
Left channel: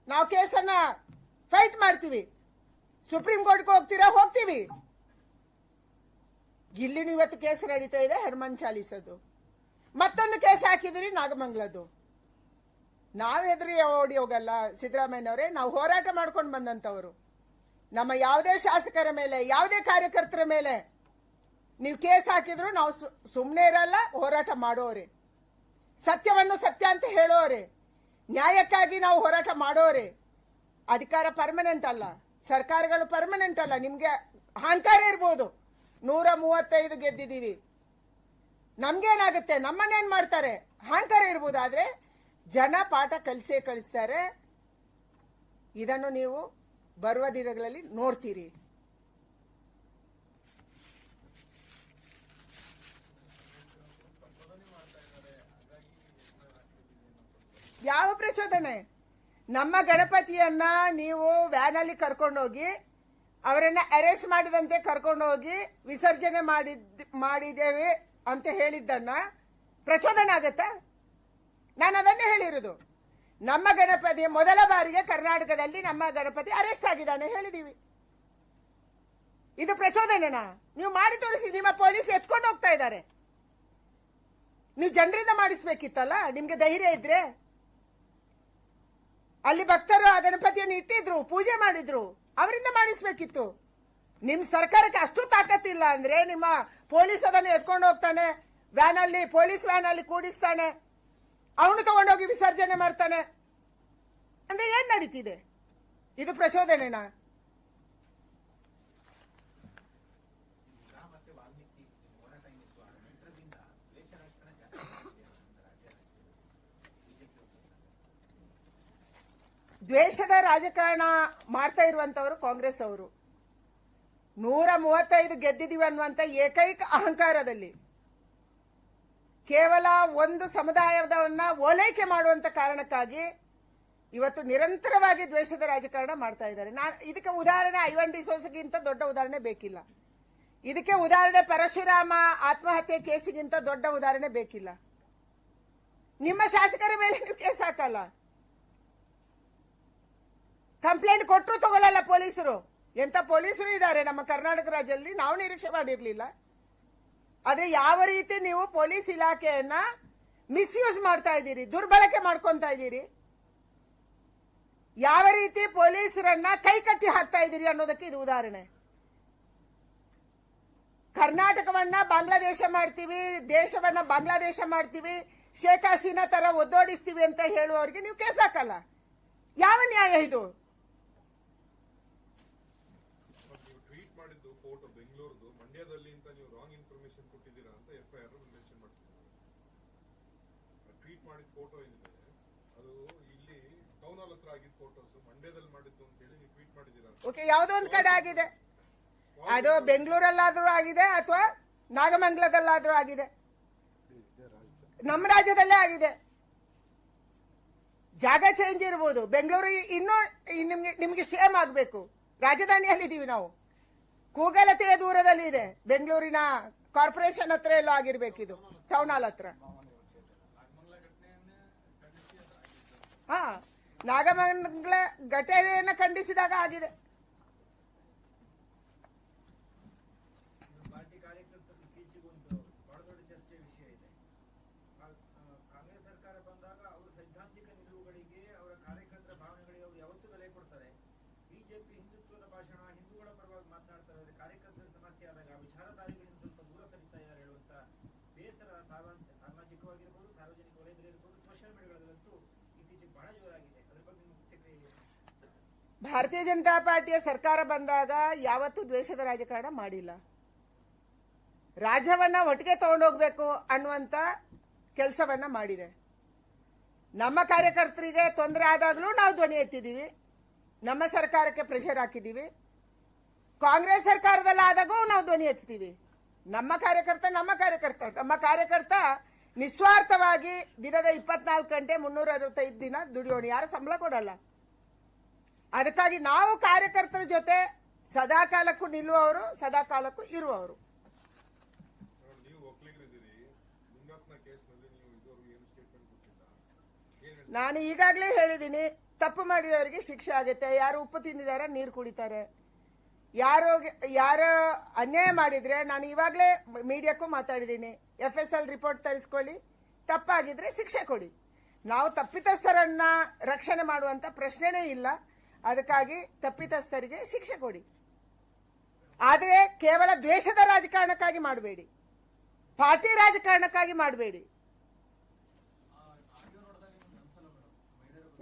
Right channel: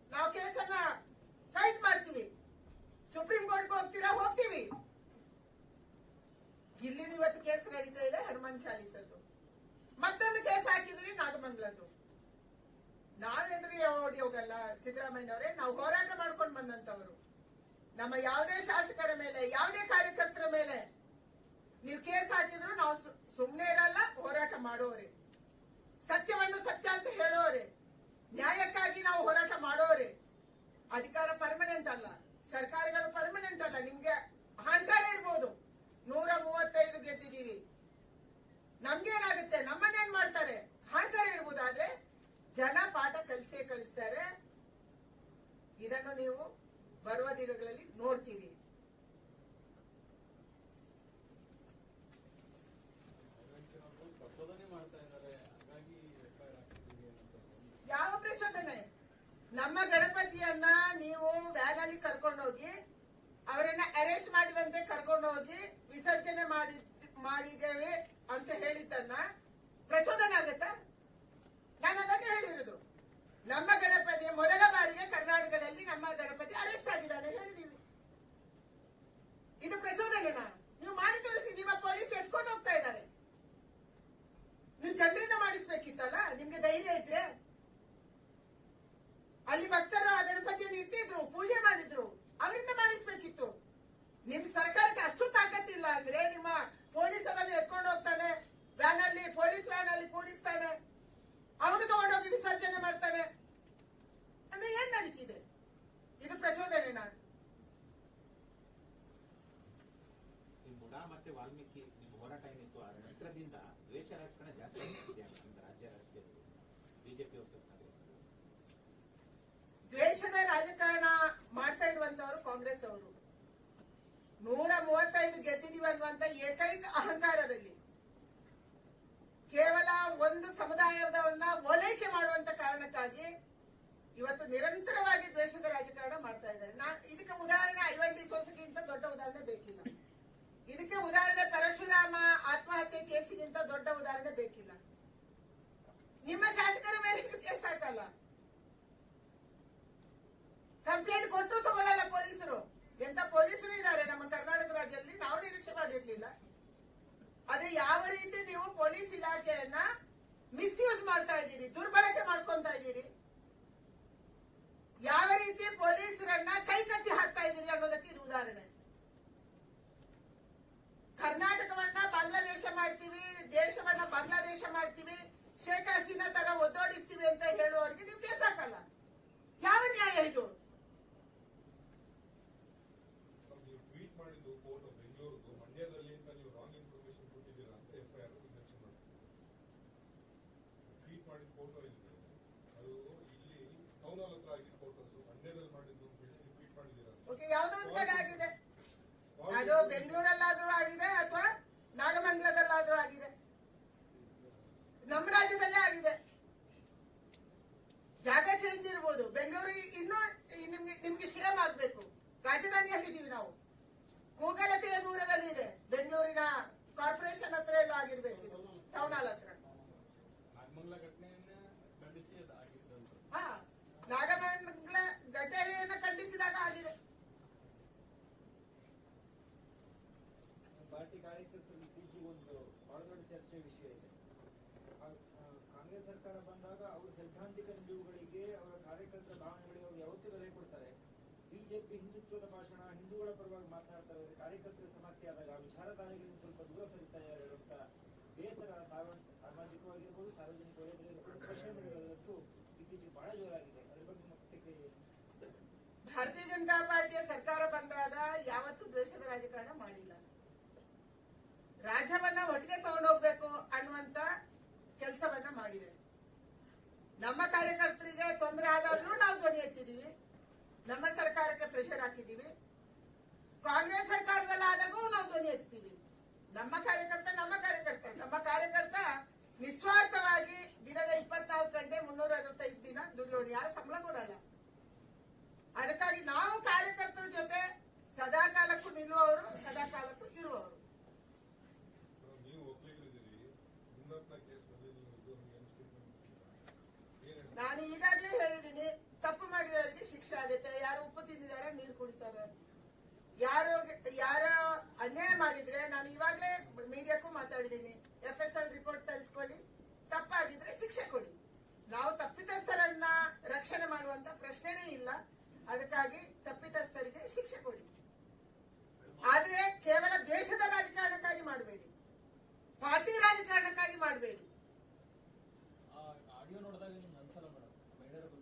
B: ನಾವು ಕೇಸನ್ನ ಫೈಟ್ ಮಾಡ್ತೀವಿ. ಸುಪ್ರೀಂ ಕೋರ್ಟ್ಗೆ ಹೋಗ್ತೀರಾ, ಹೋಗ್ತೀವಿ. ಇಲ್ಲಿನೂ ಇವತ್ತು ಕೇಸ್ ನಡೀತಾ ಇದೆ ಹನುಮಾನ್ ಚಾಲಿಸೋದು. ಮತ್ತೊಂದು ಕೇಸ್ ಹಾಕಿದ್ರಿ ನಾಗಮಂಗಲದ್ದು. ನಾವ್ ಎದುರು ಓಡಿ ಹೋಗಲ್ಲ ಸಿದ್ದರಾಮಯ್ಯನವರೇ, ನಾವು ಹೋರಾಟ ಮಾಡ್ಕೊಂಡು ಬಂದಂತವರು ನಮ್ಮ ಯಾವುದೇ ಶಾಸಕರ ಮೇಲೆ, ಯಾವುದೇ ಕಾರ್ಯಕರ್ತರ ಮೇಲೆ ನೀವು ಕೇಸ್ ಹಾಕಿದ್ರು ನಾವು ಸುಮ್ಮನೆ ಇರಲ್ಲ, ಹೋರಾಟ ಮಾಡೋರೆ. ಸತ್ಯವನ್ನು ಸತ್ಯ ಅಂತ ಹೇಳೋರೆ. ನ್ಯಾಯಕ್ಕಾಗಿ ನಾವು ಹೋರಾಟ ಮಾಡೋರೆ. ಅಧಿಕಾರ ಪರ್ಮನೆಂಟ್ ಅಲ್ಲ. ಸರ್ಕಾರಗಳು ಪರ್ಮನೆಂಟ್ ಅಲ್ಲ. ನಿಮ್ಗೆ ಅಹಂಕಾರ ಇರ್ಬೋದು. ನೂರ ಮೂವತ್ತೈದು ಗೆದ್ದಿದ್ದೀವಿ. ನಮ್ಗೇನಾಗುತ್ತೆ? ನಮ್ಮನ್ನೇನ್ ಮಾಡ್ತಾರೆ? ಅಹಂಕಾರ ಇರ್ಬೋದು. ಆದ್ರೆ ಜನ ಪಾಠ ಕಲಿಸೇ ಕಲಿಸ್ತಾರೆ. ಇದನ್ನು ನೀವು ಬರುವ ದಿನಗಳಲ್ಲಿ ನೋಡ್ತೀರಿ. ಯಾವ ಪ್ರಚೋದನೆ? ನಮ್ಮ ಗಣಪತಿಯನ್ನ ನೀವು ವ್ಯಾನ್ ಅಲ್ಲಿ ಕರ್ಕೊಂಡೋಗಿ, ಅವರನ್ನ ಅರೆಸ್ಟ್ ಮಾಡಿದಂತೆ ಕರ್ಕೊಂಡೋಗಿ ವಿಸರ್ಜನೆ ಮಾಡಿದ್, ಮಾಡಿದ್ದೇವೆ ಅಂತ ಹೇಳಿದ್ದನ್ನ ಪ್ರಚೋದನೆ ಆಗತ್ತಾ? ನಾನು ಅದನ್ನೇ ಹೇಳಿರುದು. ನಮ್ಮ ಗಣಪತಿ ಮೊದಲ ಬಾರಿಗೆ ಕರ್ನಾಟಕದಲ್ಲಿ ನಮ್ಮ ಗಣಪತಿ ಅರೆಸ್ಟ್ ಆಗಿದ್ದಾನೆ ಹೇಳಿದೀವಿ. ಇದು ಪ್ರಚೋದನೆನಾ? ನೀವು ಮಾಡಿ ತೋರಿಸಿ, ನಿಮ್ಮ ಪೊಲೀಸ್ ಎತ್ಕೊಂಡು ಹೋಗ್ತಾ ಇದ್ದಾರೆ. ನೀವು ಜನರಿಂದ ಮಾಡಿಸ್ಬೇಕಿತ್ತಲ್ಲ? ನಿಮ್ಗೆ ಧೈರ್ಯ ಇದ್ರೆ? ಅಲ್ಲಿ ಭಕ್ತರು ಆ ಗಣಪತಿಯನ್ನು ಇಟ್ಟಿದ್ರು, ಪೂಜೆ ಮಾಡಿದ್ರು, ಅವರಿಂದ ಮಾಡಿಸ್ಬೇಕಿತ್ತು. ನಿಮ್ ಸರ್ಕಾರಕ್ಕೆ ಅಷ್ಟು ತಾಕತ್ತಿಲ್ಲ ಅಂದ್ರೆ ನಿಮ್ಮ ಪೊಲೀಸ್ ಅದನ್ನು ಎತ್ಕೊಂಡು ಹೋಗ್ತಾನೆ ವ್ಯಾನ್ ಅಲ್ಲಿ ಪೊಲೀಸ್ ವ್ಯಾನ್ ಅಲ್ಲಿ ಕೂಡಿಸ್ತಾನೆ. ಅವನು ತಗೊಂಡೋಗಿ ವಿಸರ್ಜನೆ ಮಾಡ್ತಾನೆ. ಅಂದ್ರೆ ಏನ್ ನಡೀತಿದೆ? ಇದು ಪ್ರಚೋದನೆನಾ? ದ್ವೇಷದ ರಾಜಕಾರಣ ಮಾಡ್ತಾ ಇರುವಂತವರು ಕಾಂಗ್ರೆಸ್ ಅವರು. ನೂರ ಮೂವತ್ತೈದು ಗೆದ್ದಿದೀವಿ ಅನ್ನುವಂತ ಏಕೈಕ ಅಹಂಕಾರದಲ್ಲಿ. ಕೇವಲ ಒಂದು ಸಮುದಾಯದವನ್ನ ಓಲೈಕೆ ಮಾಡುವಂತ ಕಾರಣಕ್ಕಾಗಿ ಇವತ್ತು ನಿರಂತರವಾಗಿ ದ್ವೇಷದ ರಾಜಕಾರಣ ಮಾಡ್ತಾ ಇದ್ದಾರೆ. ಇದಕ್ಕೆ ಉದಾಹರಣೆ ಐವನ್ ಡಿ ಸೋಸಗಿಂತ ದೊಡ್ಡ ಉದಾಹರಣೆ ಬೇಕಿಲ್ಲ. ಇದಕ್ಕೆ ಉದಾಹರಣೆ ಪರಶುರಾಮ ಆತ್ಮಹತ್ಯೆ ಕೇಸಿಗಿಂತ ದೊಡ್ಡ ಉದಾಹರಣೆ ಬೇಕಿಲ್ಲ. ನಿಮ್ಮ ಶಾಸಕರ ಮೇಲೆ ನೀವು ಕೇಸ್ ಹಾಕಲ್ಲ. ಕಂಪ್ಲೇಂಟ್ ಕೊಟ್ಟರು ತಗೊಳ್ಳಲ್ಲ ಪೊಲೀಸರು. ಎಂತ ಪೊಲೀಸರು ಇದ್ದಾರೆ. ನಮ್ಮ ಕರ್ನಾಟಕ ರಾಜ್ಯದಲ್ಲಿ ನಾವು ನಿರೀಕ್ಷೆ ಮಾಡಿರ್ಲಿಲ್ಲ. ಆದ್ರೆ ಯಾವ ರೀತಿ ನೀವು ಪೊಲೀಸ್ ಇಲಾಖೆಯನ್ನ ಮಿಸ್ಯೂಸ್ ಮಾಡ್ತಾ ಇದ್ದೀರಿ, ದುರ್ಬಳಕೆ ಮಾಡ್ಕೊಂತ ಇದ್ದೀರಿ? ಯಾವ ರೀತಿ ಪೊಲೀಸರನ್ನ ಕೈ ಕಟ್ಟಿ ಹಾಕ್ತಾ ಇದ್ದೀರಿ ಅನ್ನೋದಕ್ಕೆ ಇದು ಉದಾಹರಣೆ. ಕರ್ನಾಟಕವನ್ನ ಬಾಂಗ್ಲಾದೇಶ ಮಾಡ್ತೀವಿ, ದೇಶವನ್ನ ಬಾಂಗ್ಲಾದೇಶ ಮಾಡ್ತೀವಿ, ಶೇಖ್ ಹಸೀನಾ ತರ ಒದ್ದೋಡಿಸ್ತೀವಿ ಅಂತ ಹೇಳುವವರಿಗೆ ನೀವು ಕೇಸ್ ಹಾಕಲ್ಲ. ಯಾವ ನ್ಯಾಯ ಇದು
C: ಬಟ್ ನೀವು ಟ್ವೀಟ್ ಮಾಡಿದ್ದು ಫೋಟೋ ಬೆಂಗಳೂರುದು ಮಂಡ್ಯದಲ್ಲಿ ಅಂತ ನೀವು ರಾಂಗ್ ಇನ್ಫಾರ್ಮೇಶನ್ ಕೊಟ್ಟಿದ್ದೀರಾ ಅಂತ ಎಫ್ ಐ ಆರ್ ಮೆನ್ಷನ್ ಮಾಡ್ತೀವಿ ಟ್ವೀಟ್ ಮಾಡಿದ ಫೋಟೋ ಅದು ಇಲ್ಲಿ ಟೌನ್ ಹಾಲ್ ಹತ್ರ ಆಗಿದ್ದ ಫೋಟೋಸ್ ಮಂಡ್ಯದಲ್ಲಿ ಮಾಡಿದ್ದು ಅಂತ ಹೇಳಿ ನೀವು ಟ್ವೀಟ್ ಮಾಡಿದ್ದೀರಾ
B: ಓಕೆ ಯಾವುದೋ ಒಂದ್ ಕಡೆ ಆಗಿದೆ. ಅದು ಬೆಂಗಳೂರಲ್ಲಾದ್ರೂ ಆಗಿದೆ ಅಥವಾ ನಾಗಮಂಗಲದಲ್ಲಾದ್ರೂ ಆಗಿದೆ? ನಮ್ಮ ರಾಜ್ಯದಲ್ಲೇ ಆಗಿದೆ. ಜಾಗ ಚೇಂಜ್ ಇರ್ಬೋದು. ಬೆಂಗಳೂರು ಇನ್ನೂ ನಿಮ್ಗೆ ನಿಮ್ಗೆ ಸೇಮ್ ಆಗ್ಬೇಕು. ಹೇಳಿದೀವಿ ನಾವು. ಕೂಗಲತೆಯ ದೂರದಲ್ಲಿ ಇದೆ ಬೆಂಗಳೂರಿನ ಕಾರ್ಪೊರೇಷನ್ ಹತ್ರ ಎಲ್ಲೋ ಆಗಿರ್ಬೇಕಿದು. ಟೌನ್ ಹಾಲ್ ಹತ್ರ. ಹಾ, ನಾಗಮಂಗಲ ಘಟನೆಯನ್ನ ಖಂಡಿಸಿದಾಗ ಆಗಿದೆ.
D: ಪಾರ್ಟಿ ಕಾರ್ಯಕರ್ತರು ಇತ್ತೀಚೆಗೆ ಒಂದು ಬಹಳ ದೊಡ್ಡ ಚರ್ಚೆ ವಿಷಯ ಇದೆ. ಕಾಂಗ್ರೆಸ್ ಸರ್ಕಾರ ಬಂದಾಗ ಅವರ ಸೈದ್ಧಾಂತಿಕ ನಿಲುವುಗಳಿಗೆ, ಅವರ ಕಾರ್ಯಕರ್ತರ ಭಾವನೆಗಳಿಗೆ ಅವರು ಯಾವತ್ತೂ ಬೆಲೆ ಕೊಡ್ತಾರೆ. ಬಿಜೆಪಿ ಹಿಂದುತ್ವದ ಭಾಷಣ, ಹಿಂದೂಗಳ ಪರವಾಗಿ ಮಾತನಾಡ್ತಾ ಇದ್ದಾರೆ ಕಾರ್ಯಕರ್ತರ ಸಮಸ್ಯೆ ಆದಾಗ ಆ
B: ಭಾರತೀಯ ಜನತಾ ಪಾರ್ಟಿಯ ಸರ್ಕಾರ ಬಂದಾಗ ಯಾವತ್ತೂ ದ್ವೇಷದ ರಾಜಕಾರಣ ಮಾಡಿಲ್ಲ. ರಾಜ್ಯವನ್ನ ಒಟ್ಟಿಗೆ ತಗೊಂಡೋಗ್ಬೇಕು ಅನ್ನುವಂತ ಕೆಲಸವನ್ನ ಮಾಡಿದೆ. ನಮ್ಮ ಕಾರ್ಯಕರ್ತರಿಗೆ ತೊಂದರೆ ಆದಾಗಲೂ ನಾವು ಧ್ವನಿ ಎತ್ತಿದ್ದೀವಿ. ನಮ್ಮ ಸರ್ಕಾರಕ್ಕೆ ಪ್ರೆಷರ್ ಹಾಕಿದ್ದೀವಿ. ಕಾಂಗ್ರೆಸ್ ಸರ್ಕಾರದಲ್ಲಾದಾಗೂ ನಾವು ಧ್ವನಿ ಎತ್ತೀವಿ ನಮ್ಮ ಕಾರ್ಯಕರ್ತ ನಮ್ಮ ಕಾರ್ಯಕರ್ತ. ನಮ್ಮ ಕಾರ್ಯಕರ್ತ ನಿಸ್ವಾರ್ಥವಾಗಿ ದಿನದ ಇಪ್ಪತ್ನಾಲ್ಕು ಗಂಟೆ ಮುನ್ನೂರ ಅರವತ್ತೈದು ದಿನ ದುಡಿಯೋಣ. ಯಾರು ಸಂಬಳ ಕೊಡಲ್ಲ. ಅದಕ್ಕಾಗಿ ನಾವು ಕಾರ್ಯಕರ್ತರ ಜೊತೆ ಸದಾ ಕಾಲಕ್ಕೂ ನಿಲ್ಲುವವರು ಸದಾ ಕಾಲಕ್ಕೂ ಇರುವವರು? ನಾನು ಈಗಾಗಲೇ ಹೇಳಿದ್ದೀನಿ, ತಪ್ಪು ಮಾಡಿದವರಿಗೆ ಶಿಕ್ಷೆ ಆಗುತ್ತೆ. ಯಾರು ಉಪ್ಪು ತಿಂದಿದ್ದಾರೆ ನೀರು ಕುಡಿತಾರೆ. ಯಾರು ಯಾರೋ ಅನ್ಯಾಯ ಮಾಡಿದ್ರೆ ನಾನು ಇವಾಗಲೇ ಮೀಡಿಯಾಕ್ಕೂ ಮಾತಾಡಿದ್ದೀನಿ. ಎಫ್ ಎಸ್ ಎಲ್ ರಿಪೋರ್ಟ್ ತರಿಸ್ಕೊಳ್ಳಿ. ತಪ್ಪಾಗಿದ್ರೆ ಶಿಕ್ಷೆ ಕೊಡಿ. ನಾವು ತಪ್ಪಿತಸ್ಥರನ್ನ ರಕ್ಷಣೆ ಮಾಡುವಂತ ಪ್ರಶ್ನೆನೇ ಇಲ್ಲ. ಅದಕ್ಕಾಗಿ ತಪ್ಪಿತಸ್ಥರಿಗೆ ಶಿಕ್ಷೆ ಕೊಡಿ. ಆದರೆ ಕೇವಲ ದೇಶದ ರಾಜಕಾರಣಕ್ಕಾಗಿ ಮಾಡಬೇಡಿ. ಪಾರ್ಟಿ ರಾಜಕಾರಣಕ್ಕಾಗಿ ಮಾಡಬೇಡಿ.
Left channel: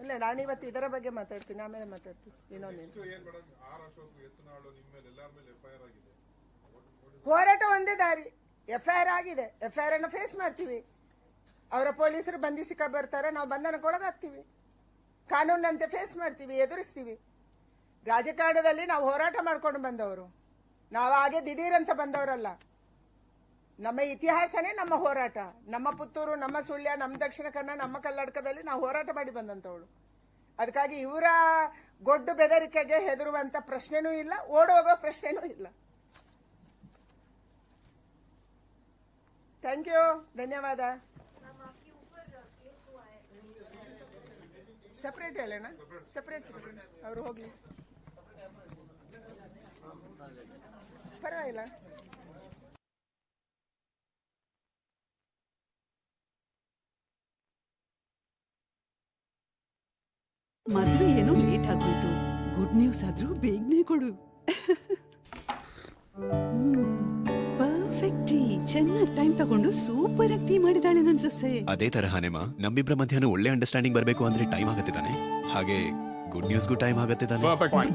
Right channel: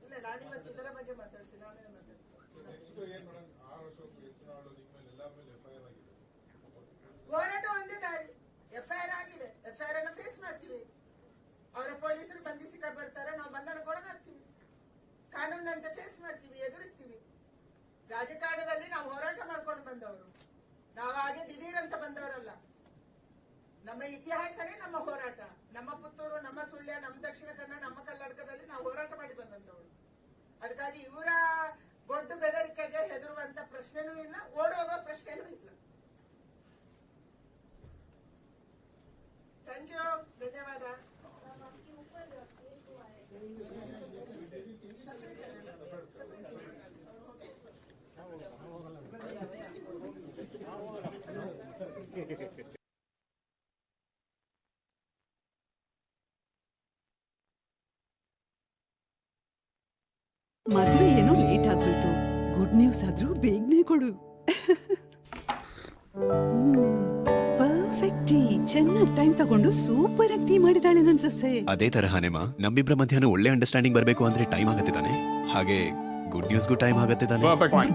B: ಇಲ್ಲ ನಾನು ಇವತ್ತು ಇದರ ಬಗ್ಗೆ ಮಾತಾಡ್ತೀನಿ ಆಮೇಲೆ ಮಾತಾಡ್ತೀನಿ.
C: ಆಗಿದೆ.
B: ಹೋರಾಟ ಒಂದೇ ದಾರಿ. ಎಫ್ಐಆರ್ ಆಗಿದೆ. ಎಫ್ಐಆರ್ ಅನ್ನು ಫೇಸ್ ಮಾಡ್ತೀವಿ. ಅವರ ಪೊಲೀಸರು ಬಂಧಿಸಿ ಬರ್ತಾರೆ ನಾವು ಬಂಧನಕ್ಕೊಳಗಾಗ್ತೀವಿ ಕಾನೂನಂತೆ ಫೇಸ್ ಮಾಡ್ತೀವಿ ಎದುರಿಸ್ತೀವಿ. ರಾಜಕಾರಣದಲ್ಲಿ ನಾವು ಹೋರಾಟ ಮಾಡ್ಕೊಂಡು ಬಂದವರು. ನಾವು ಹಾಗೆ ದಿಢೀರಂತ ಬಂದವರಲ್ಲ. ನಮ್ಮ ಇತಿಹಾಸನೇ ನಮ್ಮ ಹೋರಾಟ. ನಮ್ಮ ಪುತ್ತೂರು, ನಮ್ಮ ಸುಳ್ಯ, ನಮ್ಮ ದಕ್ಷಿಣ ಕನ್ನಡ, ನಮ್ಮ ಕರ್ನಾಟಕದಲ್ಲಿ ನಾವು ಹೋರಾಟ ಮಾಡಿ ಬಂದಂತವಳು ಅದಕ್ಕಾಗಿ ಇವರ ಗೊಡ್ಡು ಬೆದರಿಕೆಗೆ ಹೆದರುವಂತ ಪ್ರಶ್ನೆನೂ ಇಲ್ಲ, ಓಡೋಗೋ ಪ್ರಶ್ನೆನೂ ಇಲ್ಲ. ಥ್ಯಾಂಕ್ ಯು ಧನ್ಯವಾದ. ಸಪ್ರೇಟ್ ಹೇಳೋಣ ಸಪ್ರೇಟ್ ಅವ್ರು ಹೋಗಿ. ಪರವಾಗಿಲ್ಲ.
E: ಮದ್ವೆ ಏನೋ ಲೇಟ್ ಆಗೋಯ್ತು ಗುಡ್ ನ್ಯೂಸ್ ಆದ್ರೂ ಬೇಗನೆ ಕೊಡು. ಪರ್ಫೆಕ್ಟ್ ಟೀ ಚೆನ್ನಾಗಿ ಟೈಮ್ ತಗೊಂಡು ಸೂಪರ್ ಆಗಿ ಟೀ ಮಾಡಿದಾಳೆ ನನ್ ಸೊಸೆ.
F: ಅದೇ ತರಹನೇ ಮಾ ನಮ್ಮಿಬ್ಬರ ಮಧ್ಯಾಹ್ನ ಒಳ್ಳೆ ಅಂಡರ್ಸ್ಟ್ಯಾಂಡಿಂಗ್ ಬರಬೇಕು ಅಂದ್ರೆ ಟೈಮ್ ಆಗತ್ತೆ ತಾನೆ. ಹಾಗೆ ಗುಡ್ ನ್ಯೂಸ್ಗೂ ಟೈಮ್ ಆಗತ್ತೆ ತಾನೆ.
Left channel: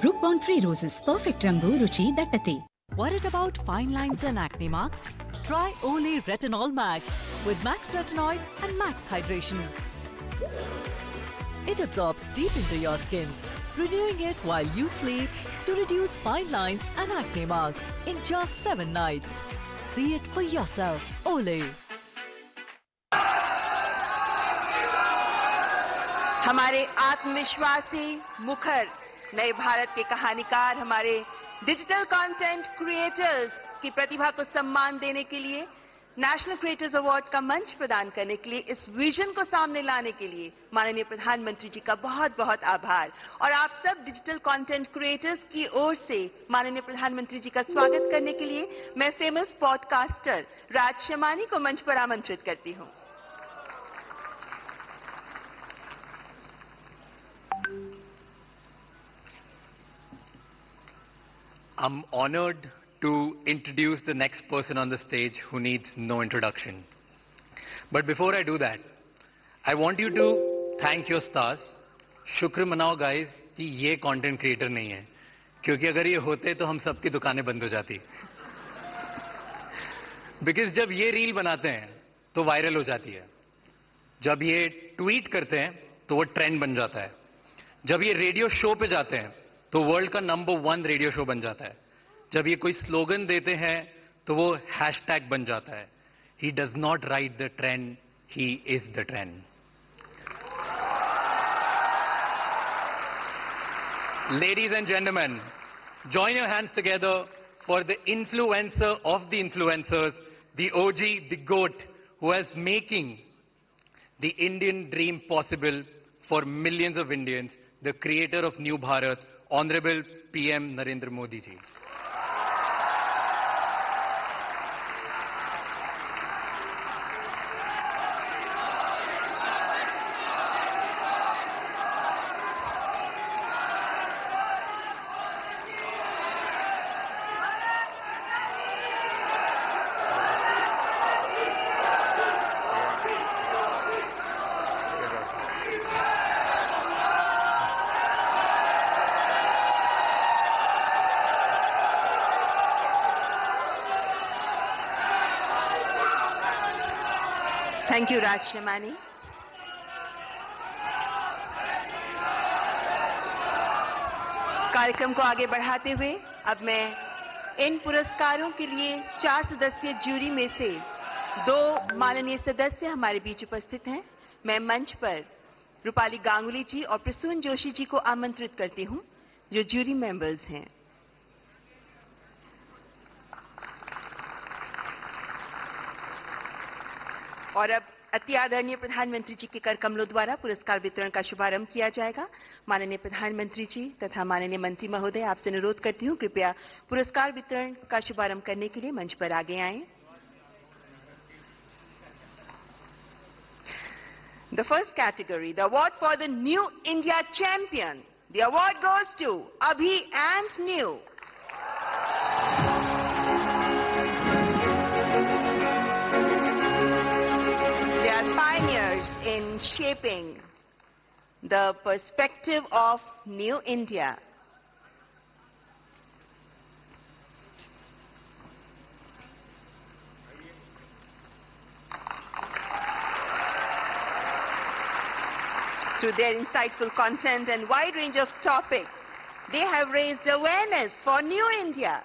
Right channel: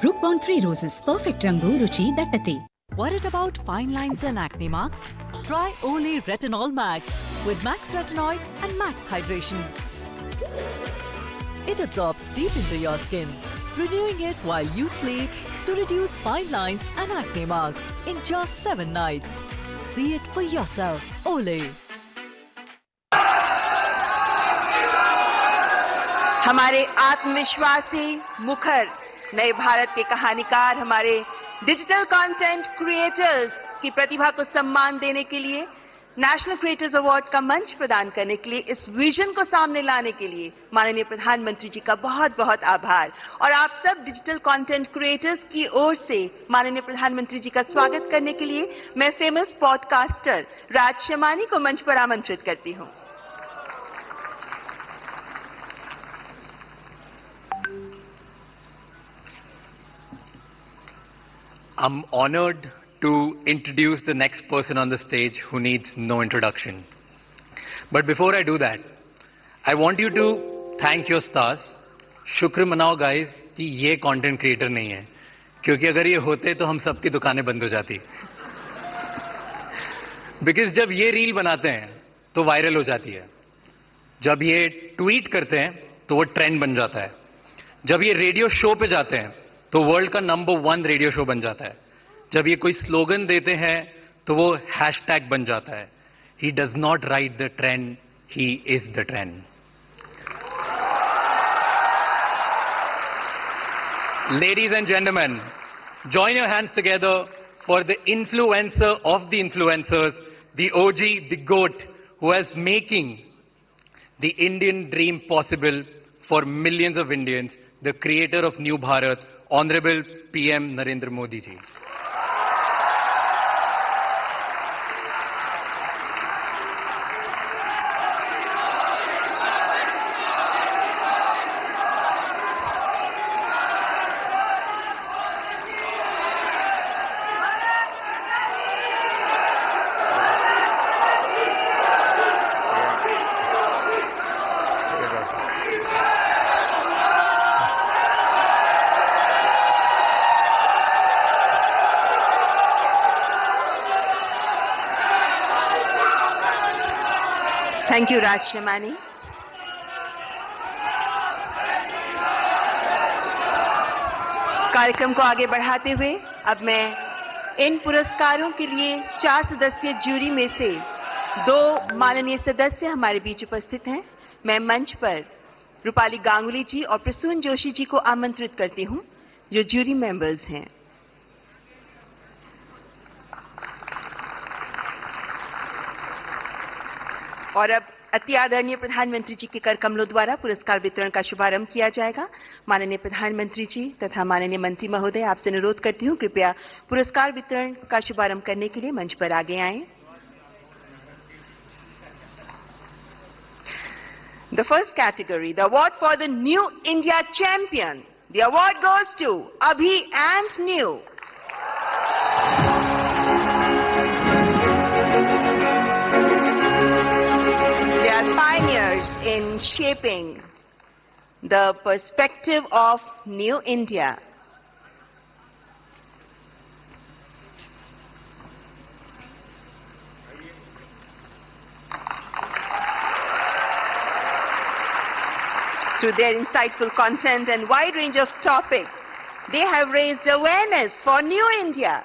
G: Brooke Bond three roses perfect ರಂಗು ರುಚಿ ದಟ್ಟತೆ
H: Worried about fine lines and acne marks? Try Olay Retinol Max with Max Retinoid and Max Hydration. It absorbs deep into your skin, renewing it while you sleep to reduce fine lines and acne marks in just 7 nights. See it for yourself. Olay.
I: हमारे आत्मविश्वासी मुखर नए भारत के कहानीकार हमारे digital content creators की प्रतिभा को सम्मान देने के लिए नेशनल क्रिएटर्स अवार्ड का मंच प्रदान करने के लिए, इस विजन को सामने लाने के लिए माननीय प्रधानमंत्री जी का बहुत बहुत आभार। और आप सब डिजिटल कंटेंट क्रिएटर्स की ओर से माननीय प्रधानमंत्री जी का स्वागत करने के लिए मैं फ़ेमस पॉडकास्टर राज शमानी को मंच पर आमंत्रित करती हूँ।
J: I'm honored to introduce the next person on the stage who needs no introduction. But before I do that, I want you to thank your stars. शुक्र मनाओ गाइस कि ये कंटेंट क्रिएटर नहीं है। क्योंकि अगर ये होते तो हम सबकी दुकानें बंद हो जाती। बिकॉज़ जब ये रील बनाते हैं तो वायरल हो जाती है। जब ये ट्वीट करते हैं तो वो ट्रेंड बन जाता है। जब ये रेडियो शो पे जाते हैं तो वर्ल्ड का नंबर वन रेडियो शो बन जाता है। जब ये कोई स्लोगन देते हैं तो वो हैश टैग बन जाता है। He does not ride the trend he is the trend ladies and gentleman join your hands together for the influencer of the influencers the OG the GOAT who's making the Indian dream possible for millions of Indians the creator of new Bharat honourable PM Narendra Modi ji
I: Thank you, Raj. कार्यक्रम को आगे बढ़ाते हुए अब मैं इन पुरस्कारों के लिए चार सदस्यीय जूरी में से दो माननीय सदस्य हमारे बीच उपस्थित हैं मैं मंच पर रूपाली गांगुली जी और प्रसून जोशी जी को आमंत्रित करती हूँ जो जूरी मेंबर्स हैं और अब अति आदरणीय प्रधानमंत्री जी के कर कमलों द्वारा पुरस्कार वितरण का शुभारंभ किया जाएगा माननीय प्रधानमंत्री जी तथा माननीय मंत्री महोदय आपसे अनुरोध करती हूँ कृपया पुरस्कार वितरण का शुभारंभ करने के लिए मंच पर आगे आएँ The first category, the award for the New India Champion. The award goes to Abhi and New. Pioneers in shaping the perspective of New India. Through their insightful content and wide range of topics, they have raised awareness for New India.